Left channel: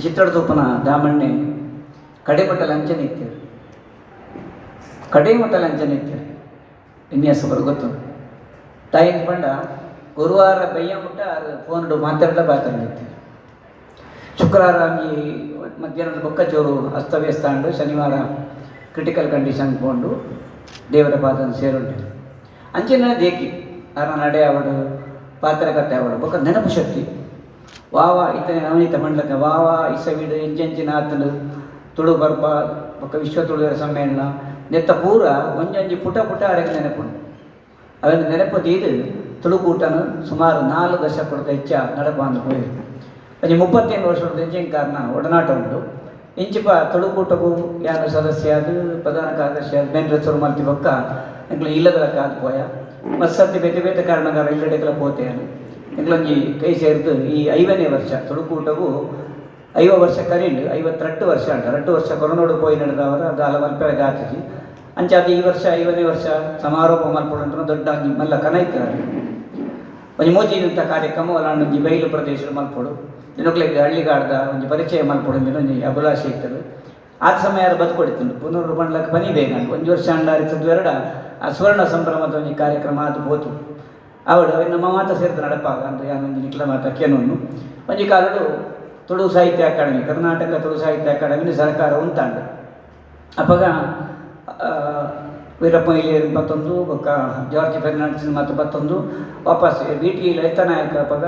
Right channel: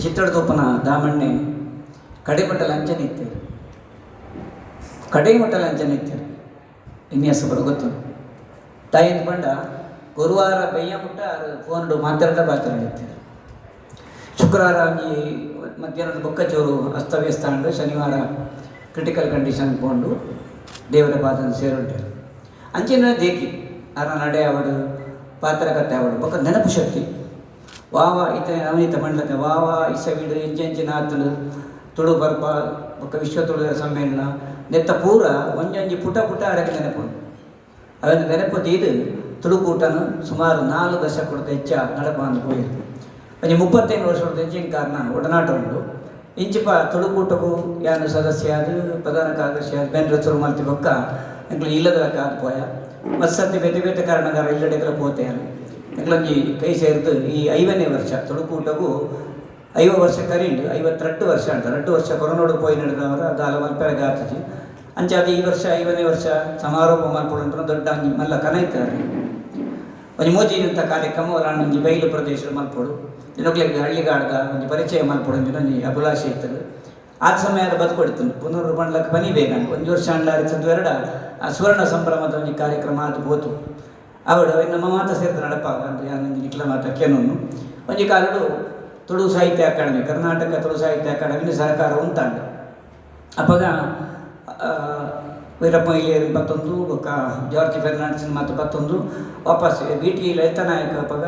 ಚಿತ್ರದುಪ್ಪನ ದಾಮಣ್ಣೆ ಕಡೆಮಟ್ಟ ಲಂಚ ನಿತ್ಯರು ಕಡೆಮಟ್ಟ ಲಂಚ ನಿತ್ಯರು ವಿನ್ಯಾಸ ಬರೋ ಗೊತ್ತು ತಾಯಿನ ಪಂಡ ಗುರುವಾರ ಬಯ್ಯ ಮುಟ್ಟ ಫೋನ್ ಮಾತಾಡ ಪಾತ್ರ ನಿತ್ಯರು ಶುಕ್ರವಾರ ಈ ಮಧ್ಯಾಹ್ನದ ಬೊಕ್ಕ ಚೋರು ಅಸ್ತವ್ಯಸ್ತ ಅಂಡು ಶನಿವಾರ ಕ್ರಿಟಿಕಲ್ ಕಂಡೀಷನ್ ಕೊಂಡು ದೇವರ ಪಾದ ಸೇರುಂಟೆ ಅಂಚಿನ ದೇಕಿ ಯಾರ ನಡೆ ಅವಡು ಪಾತ್ರಕತೆ ಅವಡು ಬೊಕ್ಕ ನೆನಪು ಶಕ್ತಿ ವಾವ ಇತ ನವನೀತ ಮಂಡಲಕ ವಾವ ಇಸವಿಡು ಇಂಚಂಚಿನ ಆತಲು ತುಳು ಬರ್ಪ ಬೊಕ್ಕ ವಿಶ್ವ ತುಳು ಸಮ್ಮೇಳನ ನೆತ್ತ ಪೂರ ಒಂಜಂಜಿ ಪುಟ ಪುಟ ಅರೆಗೆ ನೆನಪು. ಅವೆಂದು ನೆನಪು ತೀದು ತುಳುಕೂಟನು ಸುಮಾರು ನಾಲ್ಕು ದಶಕದ ಹೆಚ್ಚ ನಡಪಾಂದು ಹೋಯಿರು ಅಂಜಿ ಮುಪ್ಪತ್ತೈದು ವರ್ಷದ ಹೆಚ್ಚಿನ ಕಾರಣ ಒಡನಾಟ ಉಂಟು. ಇಂಚಿಪ ತುಳುಕೂಟಗೂ ಯಾನು ಸದಸ್ಯ ಅದು, ಪ್ರಧಾನ ಕಾರ್ಯದರ್ಶಿ ಅದು ಬೇರೆ ತುರು ಮಲ್ತಿ ಬೊಕ್ಕ ಎಂಕ್ಲು ಇಲ್ಲದ ಕಾದು ಪೋಯ. ಮತ್ಸತ್ತಿ ಬೇತೆ ಬೇತೆ ಕಾರಣಗಾರ ಇಲ್ಲಡೆಗಳ ಪೋತೆ ಎಂಕ್ಲೊಂಜಿ ಕೈ ಸೇರಿದ್ದು ಈ ಐವನೇ ವರ್ಷ, ತುಳುಕೂಟವು ಐವ ವರ್ಷ ಕರೀಂಡು, ಐವತ್ತೆರಡು ವರ್ಷ ಅಂತ. ಎರಡು ವರ್ಷ ಕೊರೋನಾಡು ಪೋಯಿ ನಡೆದವರ ಅದು ಹಲವು ಗಾತಿಜಿ. ಅದು ಈ ವರ್ಷ ಐವನೇ ವರ್ಷ ಸಮಾರೋಪ ಮಲ್ಪಡು ದೊಡ್ಡ ಮಲ್ಲ ಕನೈತಾರೆ ಒಂಜಿ ಮೋಜಿನಂಥ ಕಾರ್ಯಕ್ರಮ ನಾನು ಒಂಜಿ ಬಯಲು ಪ್ರದೇಶದ ಮಲ್ಪಡು. ಇನ್ನೊಕ್ಲಿಗೆ ಹಳ್ಳಿಗಾಡ್ದ ಒಂದು ಪರಿಚಯ ಮಲ್ಪಡು ಒಂದು ಅಭಿಲಾಷೆ ಇತ್ತು ಆ ಸಮಯ ಅದು ಬದುಕೊಡ್ತೀನಿ ಪುನರ್ ಮಾಡ್ಲಕ್ಕೆ ಬನಿ ಬೇಗ ಒಂದು ವರ್ಷ ಅಣ್ಣ ಎರಡ. ಆ ಸುವರ್ಣ ಸಂಭ್ರಮದ ಒಂದು ಕಾರ್ಯಕ್ರಮ ಅದು ಹೋತು. ಅವಡು ನಮ್ಮ ಮಾತ ಸೇರಿದ ನಡಪಾಗ. ಅಂದರೆ ಯಾನೊಂದು ನಿಖಿಲ ಮಾತ ಕೆನೊಂದು ಒಂಜಿ ಕಾಲಡು ತುಳು ಸಾಹಿತ್ಯ ಅಕಾಡೆಮಿ ಕರ್ನಾಟಕ ತುಳು ಸಾಹಿತ್ಯ ಅಕಾಡೆಮಿ ಸರ್ಕಾರ ಉಂಟಾಂಡ ಅವಾಗ ಆ, ವೀರಪ್ಪ ಇಲಿಯರ್ ಮತ್ತೊಂದು ಬೊಕ್ಕ ಜಾರ್ಜ್ ಫೆರ್ನಾಂಡಿಸ್ ಮತ್ತು ಮತ್ತೊಂದು ವಾಪಸ್ ಬಿ ಟಿ ಲಲಿತನಾಯಕ ಅವಾಗ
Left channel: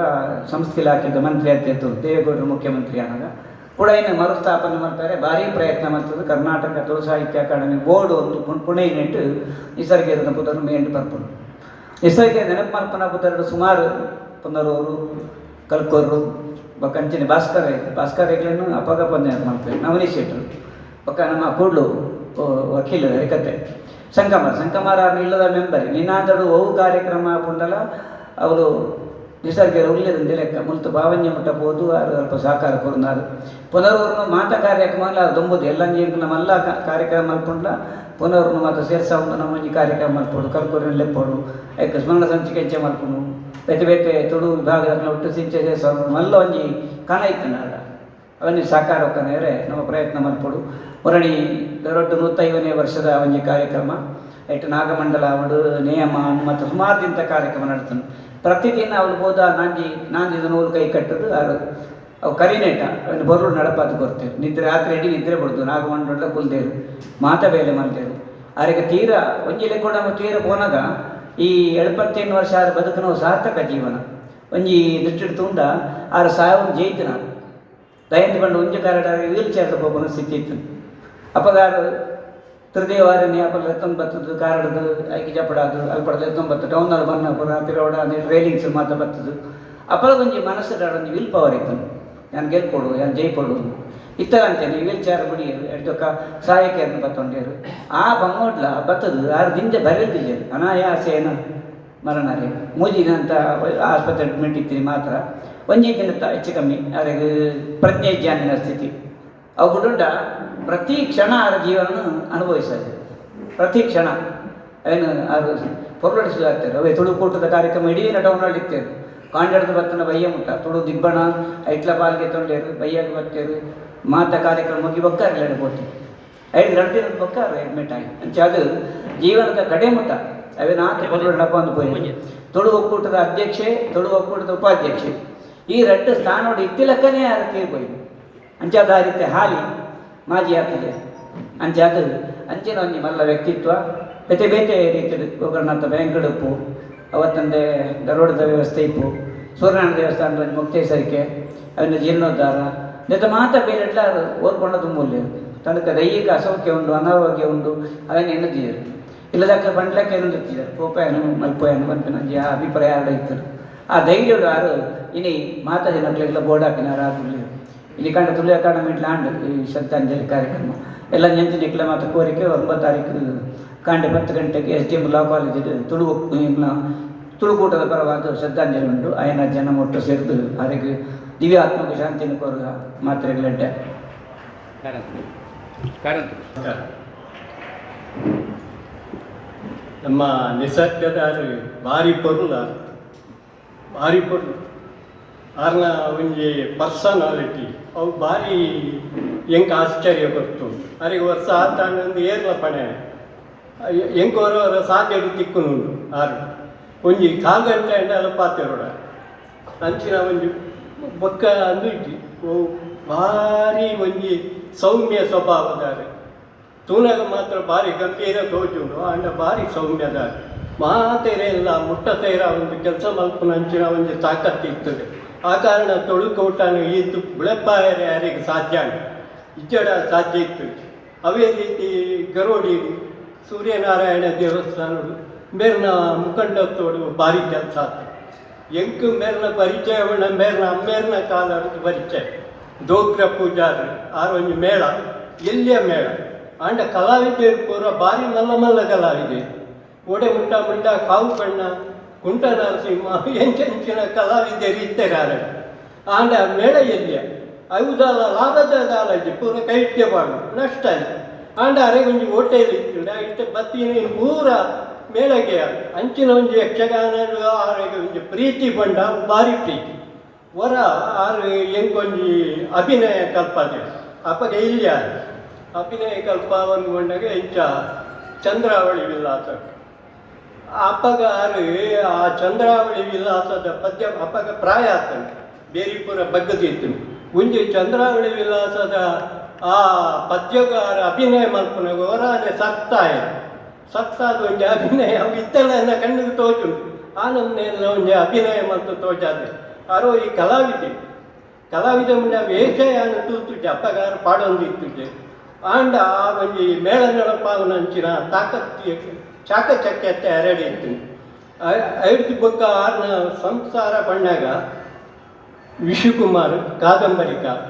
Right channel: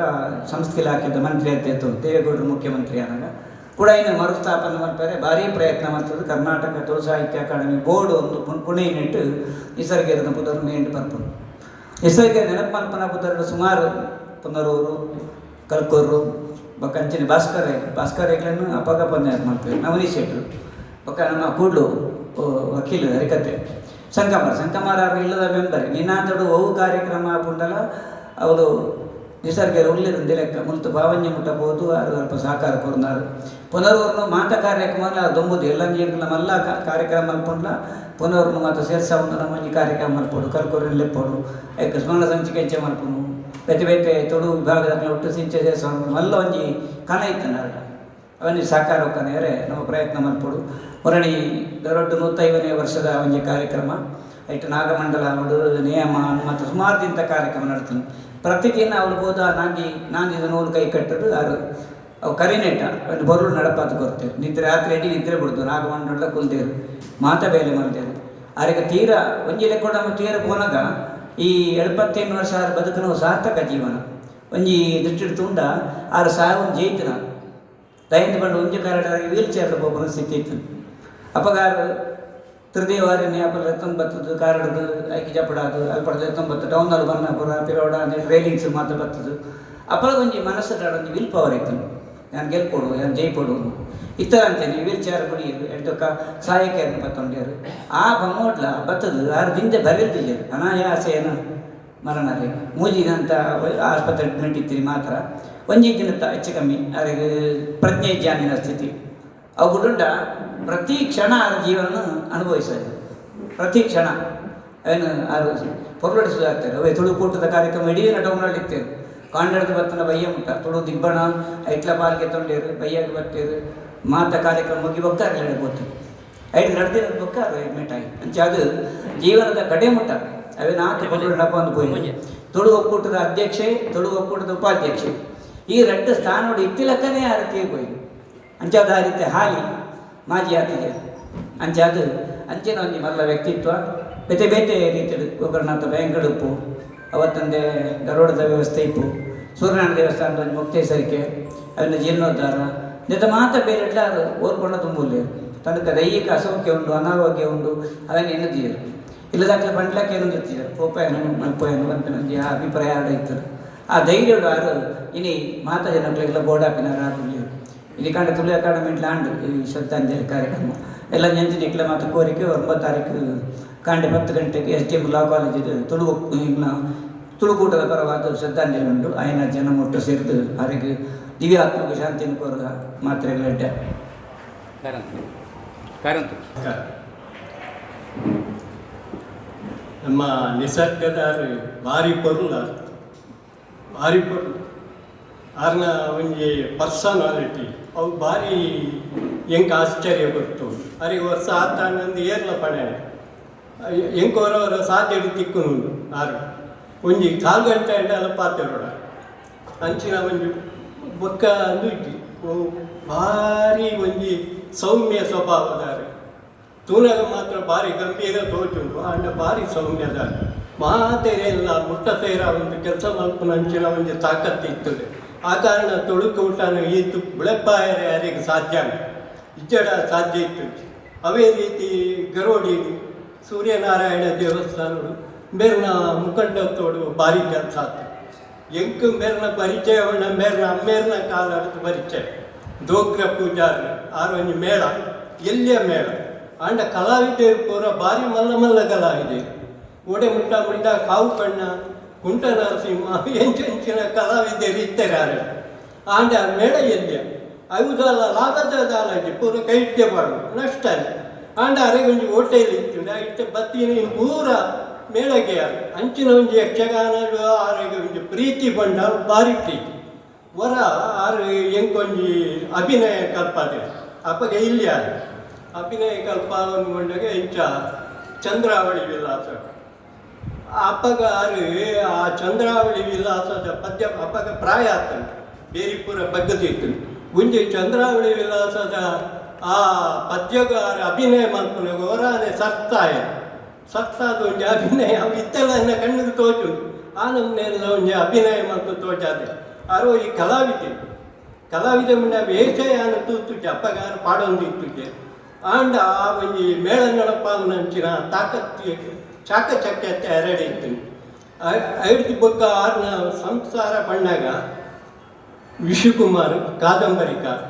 ಸಂಸ್ಥೆ ಇಲಾಖೆದ ಮಂತ್ರಿ ಅಧ್ಯಕ್ಷ ದೇವೇಗೌಡರು ಮುಖ್ಯಮಂತ್ರಿ ಆದಾಗ. ಕೂಡ ಇನ್ನು ಮರುಸ್ಥಾಪನೆ ಮಾಡ್ತಾರೆ. ಭಾರಿ ಪ್ರಯತ್ನ ಮಾಡ್ತದೆ. ಕರ್ನಾಟಕ ತುಳು ಸಾಹಿತ್ಯ ಅಕಾಡೆಮಿ ಬೋರ್ಡ್ ಒಂದು ಪುಣೆ ಪುಣೆಯನ್ನಿಟ್ಟು ನಿಸರ್ಗದ ಪುದರ್ ಮೇಂಡು ನಿಸರ್ಗ ನೆನಪು ಮಾಡ್ಕೊಂಡು ಸುಮಾರು ಪುನರವರು ಕಲ್ಕೋರು ಬೊಕ್ಕ ಭಾಸ್ಕರ ಭಾಸ್ಕರ ಹೆಗ್ಲನ್ನು ಅಪಗ ನೆನಪು ಮಾಡ್ತೇವೆ. ನವನೀಶ್ ಶೆಟ್ರು ಬೊಕ್ಕ ನಮ್ಮ ಕೂಡ್ಲು ವಕೀಲ ಹರಿಕತೆ ಸಂಕಮಾರ ಸಂಕಮಾರ ಅವ್ರು ಇಲ್ಲದ ಮೆಂಬರ್. ನಿನ್ನಾದಡು ಅವು ಕಾರ್ಯಕ್ರಮ ಪುಂಡಲ ಅವರು ನಿಸರ್ಗರ ಉಳ್ಳಿರಂದು ಲೆಕ್ಕ ಮುಲ್ತು ಭಾವನ್ಯ ಮುಟ್ಟ ಅವರು ಸಹಕಾರ ಕೊರ್ನಾರು. ಪುನರ್ವರ್ನು ಮಾತ ಕಾರ್ಯಕ್ರಮ ದೊಂಬುದು ಎಲ್ಲ ನೀರು ನಮ್ಮೆಲ್ಲ ಕಾರ್ಯಕ್ರಮ ಕಾರ್ಯಕ್ರಮ ಪುನರ್ವರ್ಮ ಮಾತು ನಮ್ಮ ನಮ್ಮಲ್ಲಿ ಕಾರ್ಯಕ್ರಮ ಮಲ್ಪೋಡು ಕಲ್ಕೊರಿ ಲೆಪ್ಪೋಡು ಯಾಕೆ ಸ್ಮರಣ ಸಂಚಿಕೆ ಮಲ್ಪನು ಬೇತೆ ಬೇತೆ ತುಳು ವಿಭಾಗದ ಒಟ್ಟು ಸಿಂಚೆ ಸೇರ್ಸ ಮಲ್ಲ ಒಂಜಿ ಕಾಣ ಇತ್ತು ಅದನ್ನು ಸಾಕಾರ ಕನೆಯರೆ ನಮ್ಮ ಪ್ರಯತ್ನ ಮಲ್ಪಡು ಮುರಣಿ ದೊಡ್ಡ ನೂತೈವನೇ ವರ್ಷದ ಒಂದು ಕಾರ್ಯಕ್ರಮ. ಐಟ್ ನಾಗಮಂಡಲ ಒಂದು ನಿಯಮ ಮತ್ತು ಸುಮಾರು ದಿನದ ಕಾರ್ಯಕ್ರಮ ನಡೆಸ್ತೀನಿ ಪ್ರತಿದಿನ ಅವ್ರು ಹೋದ ನಾಂಜಿ ನಾಂಜಿದ ನೂಲು ಕೈ ಕಟ್ಟದು ಯಾರು ಅವು ಕರಿನೇಟ ಒಂದು ಬರುಳು ನಡಪಾತು ಕೊಡ್ತೇವೆ ನಿದ್ರೆ ರಾತ್ರಿ ಅಡಿ ನಿದ್ರೆ ಬಿಡ್ದು ನಾಗಮಂಡಲ ಕುಲ್ದೇರು, ಮಾತ ಬೇಲೆ ಮಾಡ್ತೇವೆ ಅವರಿಗೆ ತೀರ ಒಂಜಿಲೆ ಕೂಡ ನಾವು ತೀರ ಪೋನಾಗ ಈ ಎಳ್ಪತ್ತೈದು ವರ್ಷ ಆರು ಬದುಕುನ ಸಾರ್ಥಕ ಜೀವನ. ಒಂಜಿ ದೃಷ್ಟಿ ತುಂಡ ಆರು ಸಾವು ಜೈತನ. ದಯಂತ ಬಂದು ಒಂಜಿ ಕರಡ ವೀಲ್ ಚೇರ್ ಹೋಗೋಣ ಸ್ಥಿತಿ ಇತ್ತು ಅಪಗಾರ ತೃದೇವಾರಣ್ಯ ಅಪ್ಪ ಎತ್ತೊಂದು ಬರ್ತದ್ದು ಕಾರಡದು, ಐಕಿ ಜಪಡಾದು, ಅಲ್ಪಡದು ಎತ್ತೊಂದು ಬತ್ತು ಟೌನಲ್ಲಿ ಬನ್ನ ಪುರ ಪಿರೋಡ ರೈಲಿಂಗ್ಸ್ ಮಾತ್ರ ಬರ್ತದೆ ಅಪ್ಪಳ ಒಂಜಿ ಮನಸ್ಸು ಒಂಜಿ ವಿಲ್ ಪವರ್ ಇತ್ತು ನಾನು ಗೆಲ್ಕೊಡು, ನಾನು ಜೈಕೊಡು. ಇತ್ತರ ಅಂತೇನೆ ವೀಲ್ ಚೇರ್ ಬಿಡಿಯರು ಎಡ್ದೊಕ್ಕ ಸಹಾಯಕ್ಕೆ ತಗೊಂಡಿರು ಆ ಬಮೋಡ್ಲ ಬತ್ತದು, ಆರು ದಿಂಜ ಬರೆದಿದ್ದಾರೆ ಅನಾಯಾಸೇನು ಮರಣರೆ. ಮೂಜಿನಂತ ಆಸ್ಪತ್ರೆ ಅಡ್ಮಿಟ್ ಇತ್ತೀರಿ ಮಾತ್ರ. ಒಂದೇ ದಿನ ಹೆಚ್ಚು ಕಮ್ಮಿ ಅದಕ್ಕೆ ಪ್ರಜ್ಞೆ ಜ್ಞಾನಿನ ಸ್ಥಿತಿ. ಅವು ಬಿಡುಂಡ ಪ್ರತಿ ಕ್ಷಣ ಅವರ ಜೀವನ ಅನುಭವಿಸೋದು. ಪ್ರತಿ ಕ್ಷಣ. ಏನು ಅದು ಹೊರಡಿಸುತ್ತಾರೆ ಅವೇ ತುಳುಕೂಟದ ಕಾರ್ಯಕ್ರಮ ಇಡೀ ಡೌನ್ಲೋಡ್ ಇರ್ತೇವೆ ಕಾಂಡಡದ ಬತ್ತನ ಬಯ್ಯ ತುಳು ದಿಬ್ಬಣ, ಐಟ್ಲ ಪಾಲ್ಗೆ ತೊಂಡೇರು, ಬಯ್ಯಗೆ ಬರ್ತೇರು ಮಾತ ಕಾರ್ಯಕ್ರಮ ಮುಗಿ ಬೊಕ್ಕಾರ ಹೇಳ್ಬೋದು ಐದು ನಡೆದಿರೋ ಬೊಕ್ಕಾರ ಆಗಿ ಅಂಚ ಅದು ಜೀವನದ ಕಡೆ ಮುಟ್ಟ ಅವೇ ನಾಲ್ಕು ಬಗಳು ಡಬ್ಬಂದು ಹೋಗಿ ತುಳು ಒಕ್ಕೂಟದ ಅಧ್ಯಕ್ಷೆ ತುಳು ಒಕ್ಕೂಟದ ಉಪಾಧ್ಯಕ್ಷೆ. ಈ ಎರಡು ಸ್ಥಾನಗಳು ಇತ್ತಿಲಕ್ಕನೇ ಯಾರು ತೀರ್ಬೋದು ಅಂಚಾದ ಆ ರೀತಿ ಹಾಲಿ ಮಾಜಿ ಆಗ್ತದೆ ಅಂಚೆ ಅದು ಅಂಚಿನ ಒಂಜಿ ಮಲ್ಲ ವ್ಯಕ್ತಿತ್ವ. ಬೇತೆ ಬೇತೆ ರೀತಿಯಲ್ಲಿ ಗೋಕರ್ಣಂತ ಬ್ಯಾಂಕಡುಪ್ಪು ಅವತ್ತಂದೆ ಧಾರವಾಡದ ವ್ಯವಸ್ಥೆ ಇತ್ತು. ಸೂರ್ಯನಾರಾಯಣ ದೇವಸ್ಥಾನದ ಮುಕ್ತೇಶ್ವರಿಕೆ ಅವನ ಜೀರ್ಣೋದ್ಧಾರ. ಜೊತೆ ಮಾತ ಬೇರೆ ಓದ್ಕೊಂಡು ತುಂಬುಲ್ಲೆ ತನಕ ದೈಹಿಕ ಅಸೌಖ್ಯ ಉಂಟು, ಅನಾರೋಗ್ಯ ಉಂಟು ಅದನ್ನು ಎನ್ನುತ್ತೀರು ಇಲ್ಲದಾಗಲೇ ಬಂಡ್ಲಕ್ಕೆ ಎನ್ನುತ್ತೀರು ಕೋಪಾಯನು, ಮಲ್ಪೋಯನು ಮಲ್ಪಿನಲ್ಲಿ ಆ ಅಭಿಪ್ರಾಯ ಆಡ ಇತ್ತು. ಆ ಧೈರ್ಯ ಯಾರು? ಇನಿ ಮಾತ ಜನಗಳೆಲ್ಲ ಬೋರ್ಡ್ ಹಾಕಿನಾರ ಆಗಲಿ ಇಲ್ಲಿ ಕಂಡ ತುಳು ಅಕಾಡೆಮಿ ಲ್ಯಾಂಡ್ ಈ ಶ್ರದ್ಧಾಂಜಲಿ ಕಾರ್ಯಕ್ರಮ. ಎಲ್ಲ ನೆಂಚು ಇಕ್ಕಲೆ ಮಾತು ಕೋರಿಕೆ, ಒಂಬತ್ತು ತಾರೀಕು ಕಾಂಡೆ ಹತ್ತು ಗಂಟೆಗೆ ಎಸ್ ಡಿ ಎಂ ಲಾ ಕಾಲೇಜಿದೆ ತುಳು, ಇನ್ನ ತುಳುಕೂಟದ ಪರವಾದ ಶ್ರದ್ಧಾಂಜಲಿ ಉಂಟು. ಆಯನ ಜನ ಒಟ್ಟು ಸೇರಿದು ಅದಕ್ಕೆ ದಿವ್ಯಾತ್ಮಕ ಶಾಂತಿಯನ್ನು ಕೋರುವ ಮಾತ್ರ ನಮಸ್ಕಾರ. ನಮ್ಮ ನಿಸರ್ಗದ ಬಾರಿ ಪೊರ್ಲ ಬಾರಿ ಪೊರ್ಲ ಆರ್ನ ಒಂಜಿ ಪರ್ಸನಾಲಿಟಿ. ಅವು ಭಾರಿ ಹೆಂಗೆ ಆಶ್ಚರ್ಯ ಕೊಟ್ಟು ಅವ್ರಿಗೆ ವರ್ಷ ಆತ ಒಂದು ಏರ್ಲ ಪಡೆ ಎಂಕೋರವರ ಸಾಧ್ಯ ತಿಕ್ಕುನುಂಡು ಆರು ಒಂಜಿ ಕಾಲು ಗಂಟೆ ಎಲ್ಲ ಪಾತೆರೋಡ ಅಂಚಿನ ಒಂದು ಬೊಕ್ಕ ಅಂದು ಇಜ್ಜಿ ಅವು ಭಾರಿ ಒಂಜಿ ಸೌಮ್ಯ ಸ್ವಭಾವದಾರೆ ತೂನಾಗ ಮಾತ್ರ ಭಾರಿ ಗಂಭೀರ ತೋಜುಂಡು ಅಂದ ಭಾರಿ ಸೌಮ್ಯದಾರೆ ಮಾತೆರೆ ಎಲ್ಲ ಮುಟ್ಟ ಸೇರ ಒಂದು ಕೆಲಸ ಮಾಡ್ಕೊಂಡು ಅಂಚಿನ ಒಂದು ತಾಕತ್ತಿರ್ತದೆ ಆ ಕಾರಣ ತೊಡುಕೋಟನ ಈತು ಬಿಳಪಾಯರೆ ಯಾರಿಗೆ ಸಾಧ್ಯ ಇಜ್ಜಡ ಸಾಧ್ಯ ಇತ್ತು ಅವೇ ರೀತಿ ಗರೋಡಿ ಸೂರ್ಯನಾರಾಯಣ ದೇವಸ್ಥಾನಗಳು ಮೇರ್ನ ಮುಖಂಡತ್ತೋಡು ಭಾರಿ ಕೆಲಸ ಆಯ್ತು ಎಂಕು ಮೇರ್ನ ಪರಿಚಯವನ್ನ ಮೇರ್ನ ಅಮ್ಮೇರ್ನ ಕಾಲದ ಪರಿಚಯ ದೋಗ್ರ ಪೂಜಾರ ಆರೊಂದು ಮೇಳ ಎಲ್ಲಿಯ ಮೇಳ ಆಂಡ ಕಲಾವಿದೆ ಪೂರ ಭಾರಿ ಮಲ್ಲ ಮಲ್ಲ ಕಲಾವಿದೆ ಒಡೆ ಮುಟ್ಟ ಮುಟ್ಟ ಕಾವು ಬಣ್ಣ ಕುಂಟ ನರಸಿಂಹ ಎಂಚೆಂಚಿನ ಕಲಾವಿದರು ಇತ್ತೆಗಾರ ಆಂಡ ಮೇಳ ಎಲ್ಲಿಯ ಅವುದಲ್ಲ ಲಾಭದ ದಾಲಜಿ ಪೂರ ಕೈಟ್ಯ ಬಾಡು ನಷ್ಟ ಆಂಡ ಒಂಜಿ ಹೋಟೆಲ್ ಇತ್ತು ಇಟ್ಟ ಬತ್ತಿನ ಪೂರ ಮೇಳಗೆ ಅಂಚಿನ ಒಂಜಿ ಯಕ್ಷಗಾನ ಆರೋಗ್ಯ ಪ್ರೀತಿ ಬಂಡ ಭಾರಿ ಪ್ರೀತಿ ಹೊರ ಆರು ಎಂಕೊಂಜಿ ಅಭಿನಯ ಕಲ್ಪದೆ. ಅಪ್ಪಗೆ ಇಲ್ಲಿ ಅಭಿನಯ ಕಲ್ಪ ಅಂದ್ಕೊಂಡಾಗ ಇಂಚ ಚಂದ್ರಾವಳಿ ವಿಲಾಸ ಅಪ್ಪಗ ಆರು ಆ ಚಂದ್ರಾವಳಿ ವಿಲಾಸದ ಪದ್ಯ ಅಪ್ಪಗ ಪ್ರಾಯ ಆತಂಟ ಬೇರಿಪುರ ಬಗ್ಗದಿತ್ತು ಮುಂಜಿ ಚಂದ್ರಾವಳಿ ವಿಲಾಸದ ಆ ಪದ್ಯಗಾರ ಅಭಿನಯ ಮಲ್ಪನಾಗ ಹೊರಾನೆ ಸತ್ತಾಯ ಸತ್ತಾದ ಒಂಜಿ ಅಭಿನಯ ಇತ್ತೆಲ್ಲ ಕಣ್ಣಿಗೆ ತೋಚು ಆ ನಮ್ಮನೆಲ್ಲ ಒಂಜಿ ಅಭಿನಯ ಮತ್ತು ತೋಚಾದ ಅರೋ ಈ ಕಲಾವಿದೆ. ಕಲಾವಿದ ಮುಂಡ ವೇಷಯಾನ ತೂತುಜ ಅಪ್ಪಗಾರ ಪಾಡೊಂದಿತ್ತುಜೆ. ಆಂಡ ಆ ಒಂಜಿ ಮೇಳ ನಡಪಾವನಂಚಿನ ತಾಕತ್ತಿ ಚಾಕಚಕ್ಯತೆ ಹರಡಿತ್ತು. ಐದು ಬೊಕ್ಕ ಆರ್ನ ಸಂಸಾರ ಬಣ್ಣಾಗ ವಿಶುಕುಮಾರ್ ಕಾದಂಬರಿಕಾರ.